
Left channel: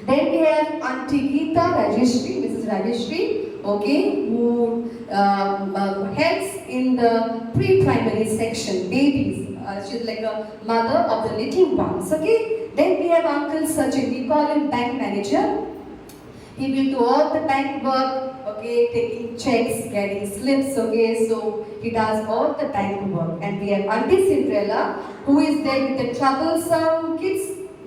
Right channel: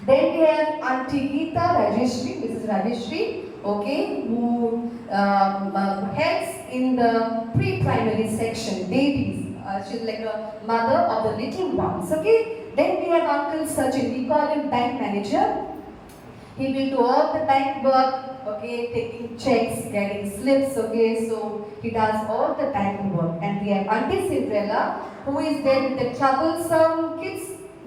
Then we have Auntie Geeta Rajeshri, Mrs. Rajeshri, okay, who helps in the pre-primary section, babies. She's like a mother of the little ones, okay? Then we have Uncle Sachin, we call him bank manager. He will do all the bank work, okay, taking checks, getting slips, okay, so he does all the bank work. And we have Auntie Cinderella, who is there with the troublesome kids,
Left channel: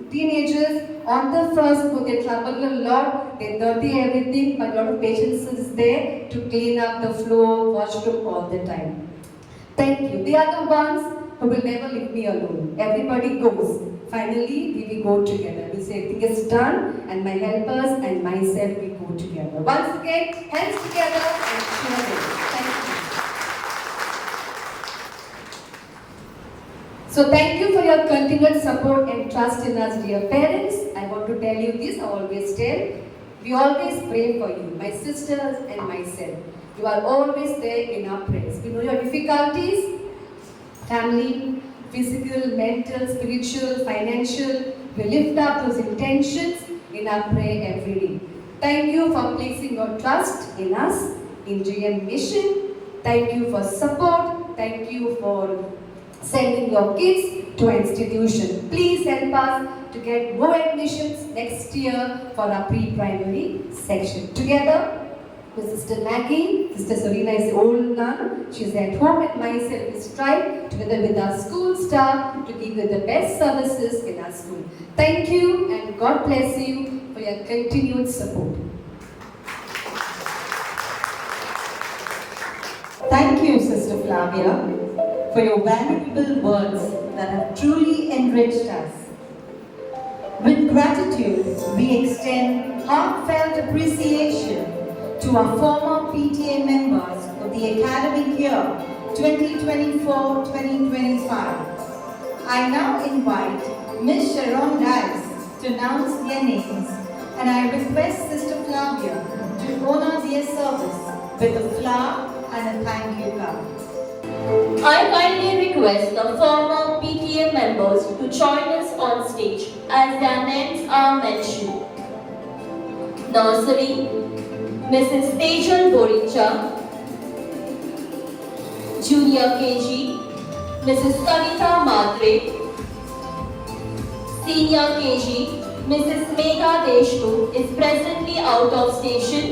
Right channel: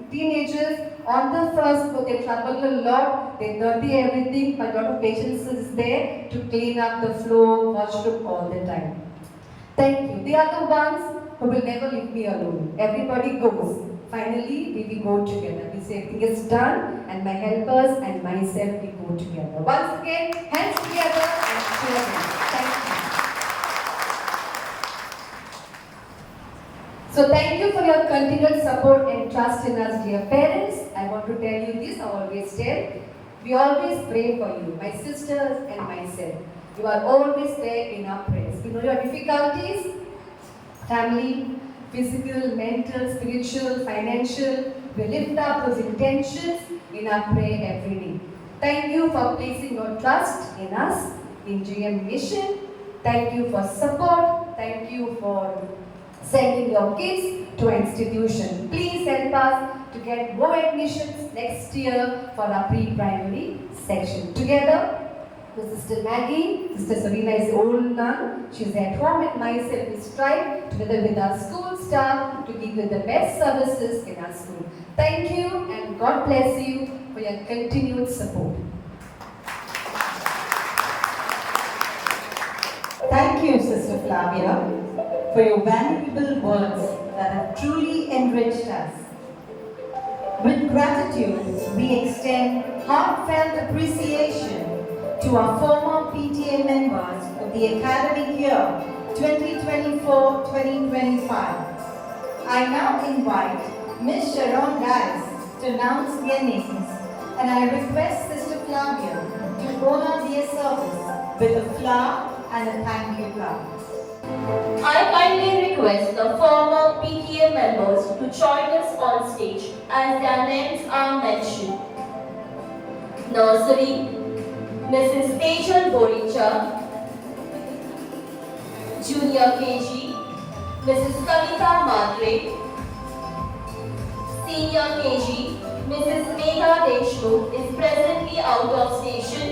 teenagers, on the first floor. They trouble a lot, they dirty everything, but a lot of patience is there to clean up the floor, washroom all the time. Thank you. They are the ones who will never leave me alone. Everybody goes. Finally, we will go together. We say everything is done, and my helpers and myself, we go together. Once again, hands together and cheer them. Thank you. So thank you for your continued support and trust in us, dear parents. I want to tell you this, I always tell. We always pray for you, my sisters and myself. You are always there in our prayers. We know your difficulties, family, physical, mental, spiritual, financial. We lift up those intentions in our prayer every day. Thank you for placing your trust in us, in GM Mission. Thank you for support. Thank you for sending your kids to our institution. Please help us to get more admissions next year for our pre-primary section. Together with Sister Maggie, Sister Serena is the old nun. She's at home and myself is tried together with our school staff to give you the best services in our school. Thank you and God bless you for your continued support. Thank you, Sister Flavia, for your valuable words that have truly enriched us. With gratitude, we extend heartfelt appreciation to our former PTA members of the academic year 2024-2025. I now invite Ms. Sharon Dice to announce their names, and I request Sister Flavia to honor their service with a flower and a thank you card. I kindly request the former PTA members to join us on stage as their names are mentioned. Nursery, Mrs. Tejal Boricha. Junior KG, Mrs. Kavita Matre. Senior KG, Mrs. Megha Deshmukh is presently out of station.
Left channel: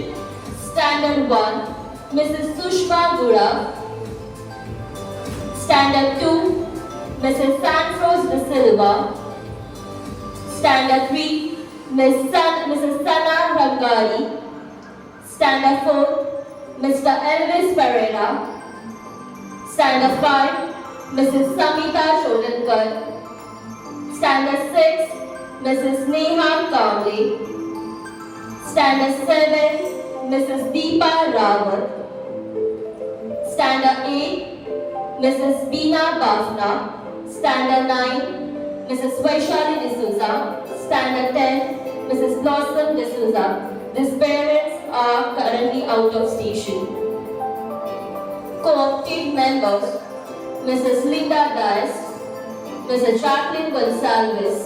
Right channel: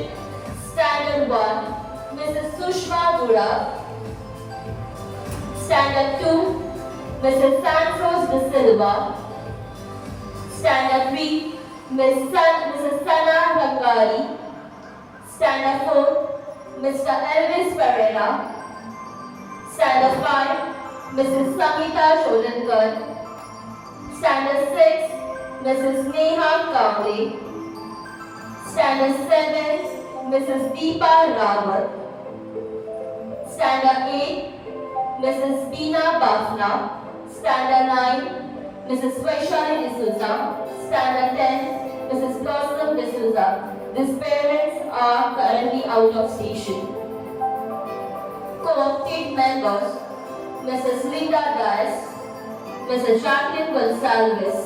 Standard 1, Mrs. Sushma Gura. Standard 2, Mrs. Santos De Silva. Standard 3, Mrs. Sana Rangari. Standard 4, Mr. Elvis Pereira. Standard 5, Mrs. Samita Jolankar. Standard 6, Mrs. Neha Kamble. Standard 7, Mrs. Deepa Rawat. Standard 8, Mrs. Beena Bafna. Standard 9, Mrs. Vaishali D'Souza. Standard 10, Mrs. Blossom D'Souza. These parents are currently out of station. Co-opted members, Mrs. Linda Dias, Mrs. Jacqueline Gonsalves.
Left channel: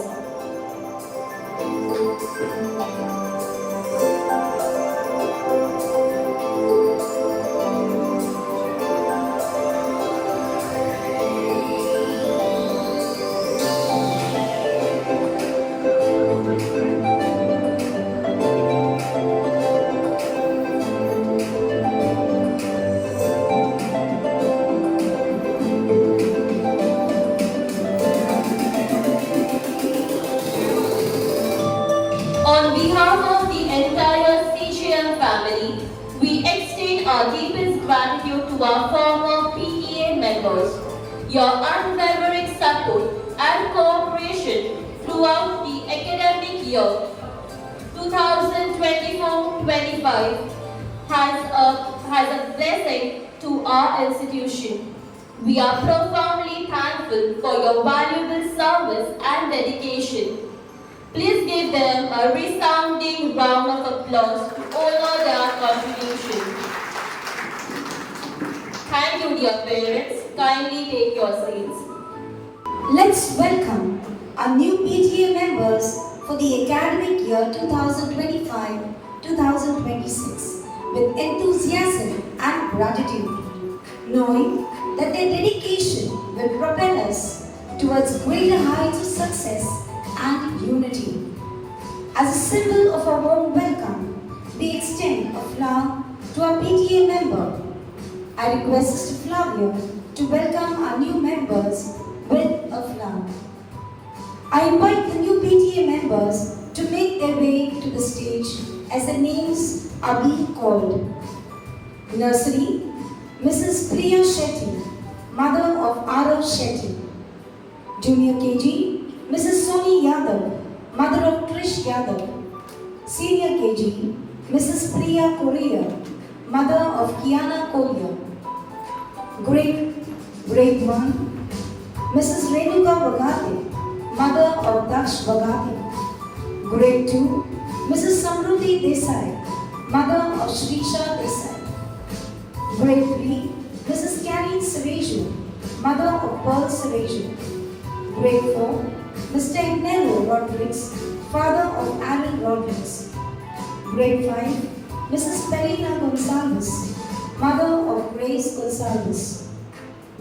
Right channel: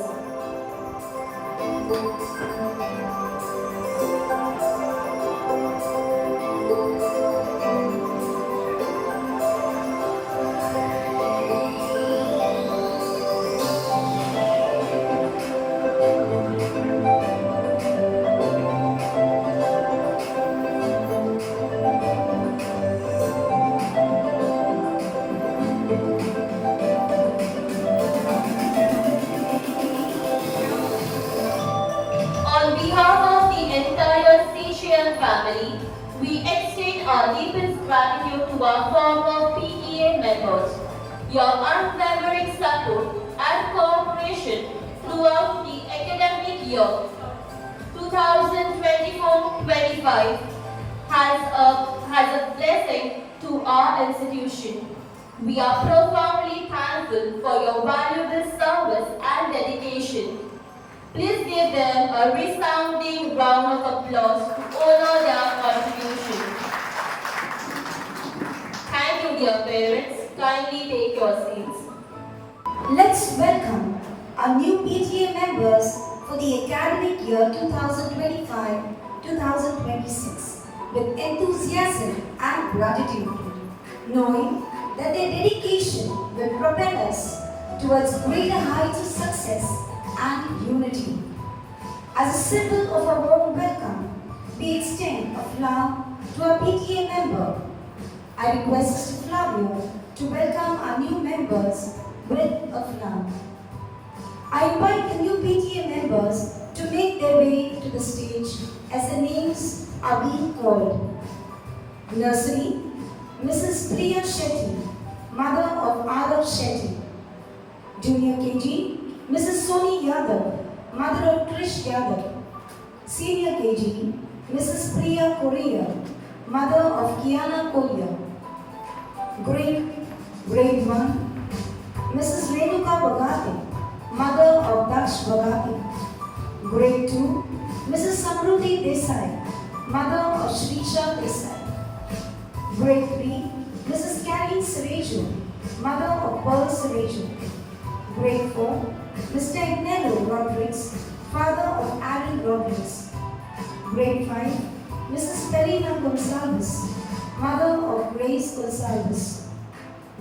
On behalf of the entire CGM family, we extend our deepest gratitude to our former PTA members. Your unwavering support and cooperation throughout the academic year 2024-25 has a blessing to our institution. We are profoundly thankful for your valuable service and dedication. Please give them a resounding round of applause to honor their contribution. Thank you, dear parents. Kindly take your seats. Let's welcome our new PTA members for the academic year 2025-2026 with enthusiasm and gratitude, knowing that their dedication will propel us towards greater heights of success and unity. As a symbol of a warm welcome, we extend a flower to our PTA member. I request Sister Flavia to welcome our new members with a flower. I invite the new PTA members to make their way to the stage as their names are being called. Nursery, Mrs. Priya Shetty, mother of Arav Shetty. Junior KG, Mrs. Soni Yadav, mother of Krish Yadav. Senior KG, Mrs. Priya Korea, mother of Kiana Korea. Grade 1, Mrs. Renuka Bagati, mother of Daksh Bagati. Grade 2, Mrs. Samruti Desai, mother of Shrisha Desai. Grade 3, Mrs. Karen Sereju, mother of Pearl Sereju. Grade 4, Mr. Ignero Rodriguez, father of Aaron Rodriguez. Grade 5, Mrs. Perina Gonzalez, mother of Grace Gonzalez.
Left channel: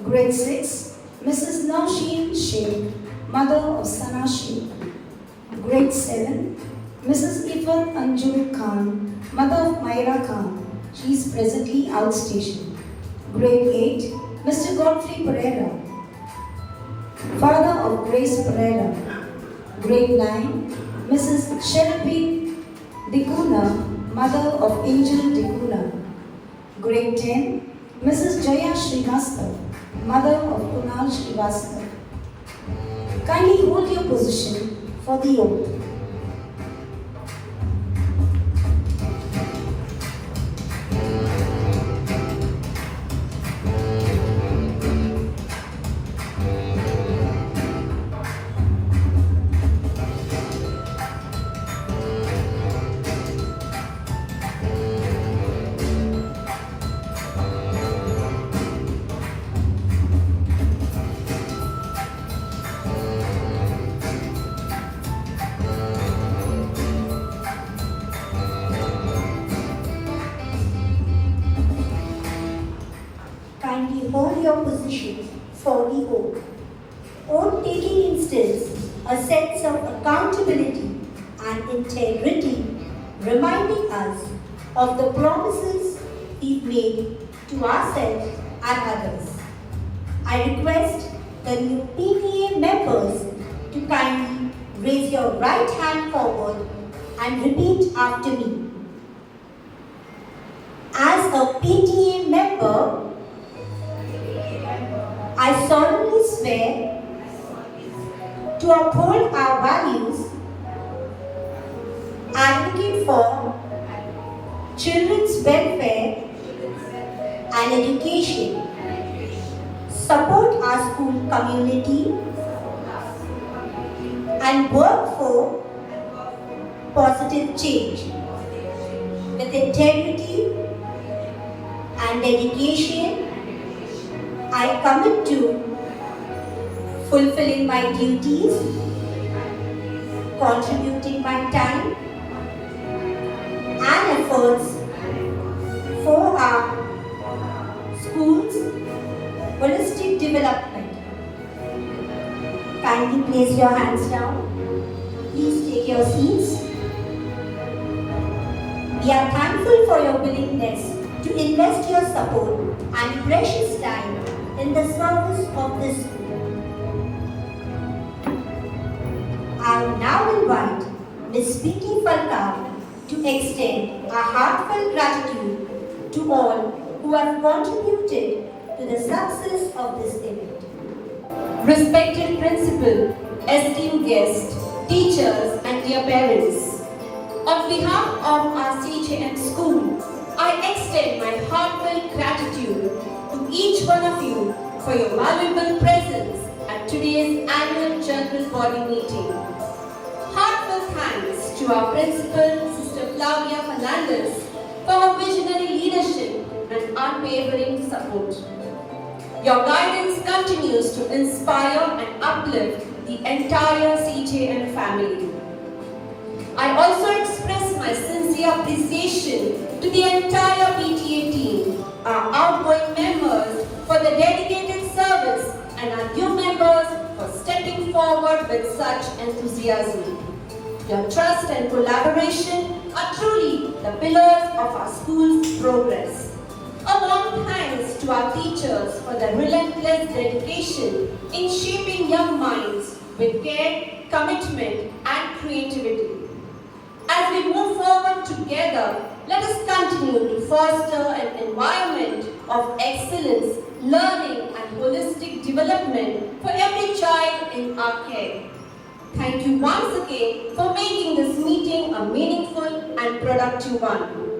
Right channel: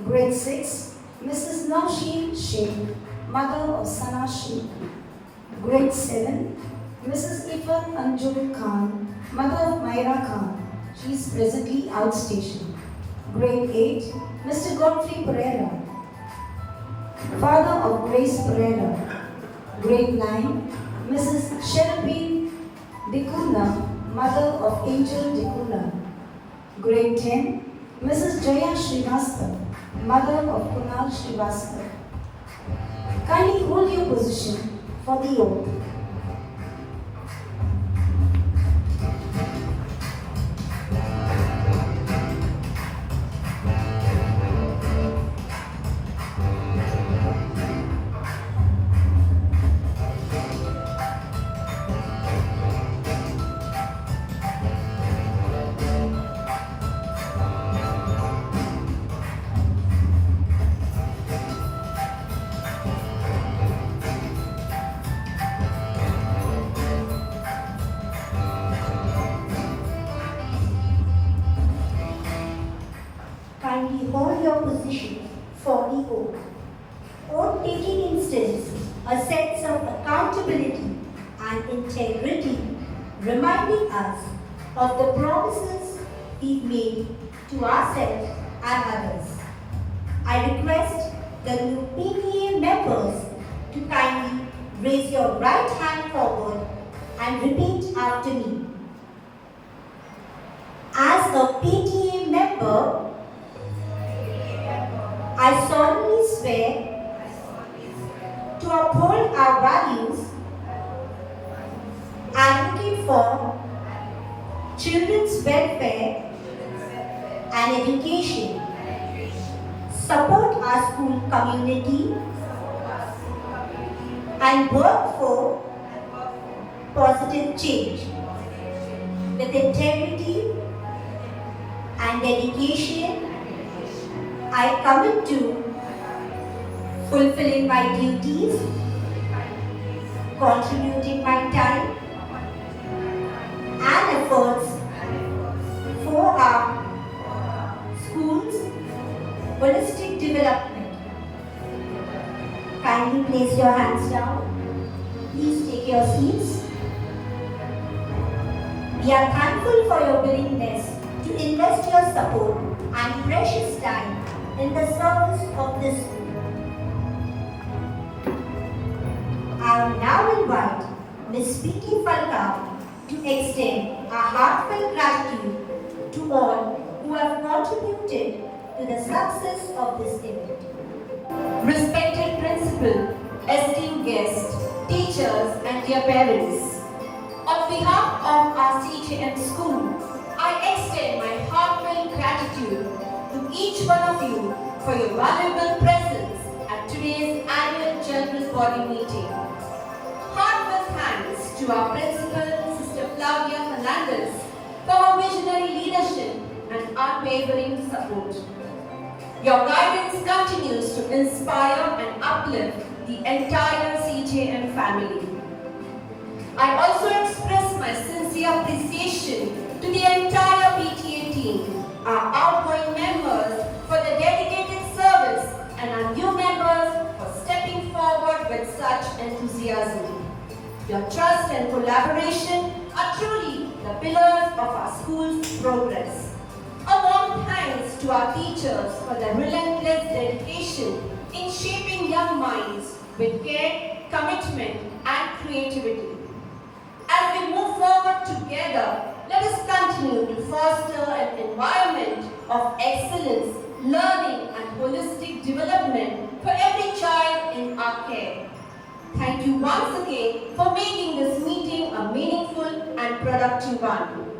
Grade 6, Mrs. Nausheen Sheikh, mother of Sana Sheikh. Grade 7, Mrs. Ifat Anjum Khan, mother of Myra Khan. She is presently outstationed. Grade 8, Mr. Godfrey Pereira, father of Grace Pereira. Grade 9, Mrs. Sherabin Dikuna, mother of Angel Dikuna. Grade 10, Mrs. Jaya Srivastava, mother of Kunal Srivastava. Kindly hold your position for the oath. Kindly hold your position for the oath. Oath taking instills a sense of accountability and integrity, reminding us of the promises we've made to ourselves and others. I request the new PTA members to kindly raise your right hand forward and repeat after me. As a PTA member, I solemnly swear to uphold our values, advocate for children's welfare and education, support our school community, and work for positive change. With integrity and dedication, I commit to fulfilling my duties, contributing my time and efforts for our school's holistic development. Kindly place your hands down. Please take your seats. We are thankful for your willingness to invest your support and precious time in the service of this school. I will now invite Ms. Vicky Falcao to extend our heartfelt gratitude to all who have contributed to the success of this event. Respected principal, esteemed guests, teachers and dear parents, on behalf of our CJM school, I extend my heartfelt gratitude to each one of you for your valuable presence at today's annual General Body meeting. Heartfelt thanks to our principal, Sister Flavia Fernandez, for her visionary leadership and unwavering support. Your guidance continues to inspire and uplift the entire CJM family. I also express my sincere appreciation to the entire PTA team, our outgoing members for the dedicated service, and our new members for stepping forward with such enthusiasm. Your trust and collaboration are truly the pillars of our school's progress. A warm thanks to our teachers for their relentless dedication in shaping young minds with care, commitment, and creativity. As we move forward together, let us continue to foster an environment of excellence, learning, and holistic development for every child in our care. Thank you once again for making this meeting a meaningful and productive one.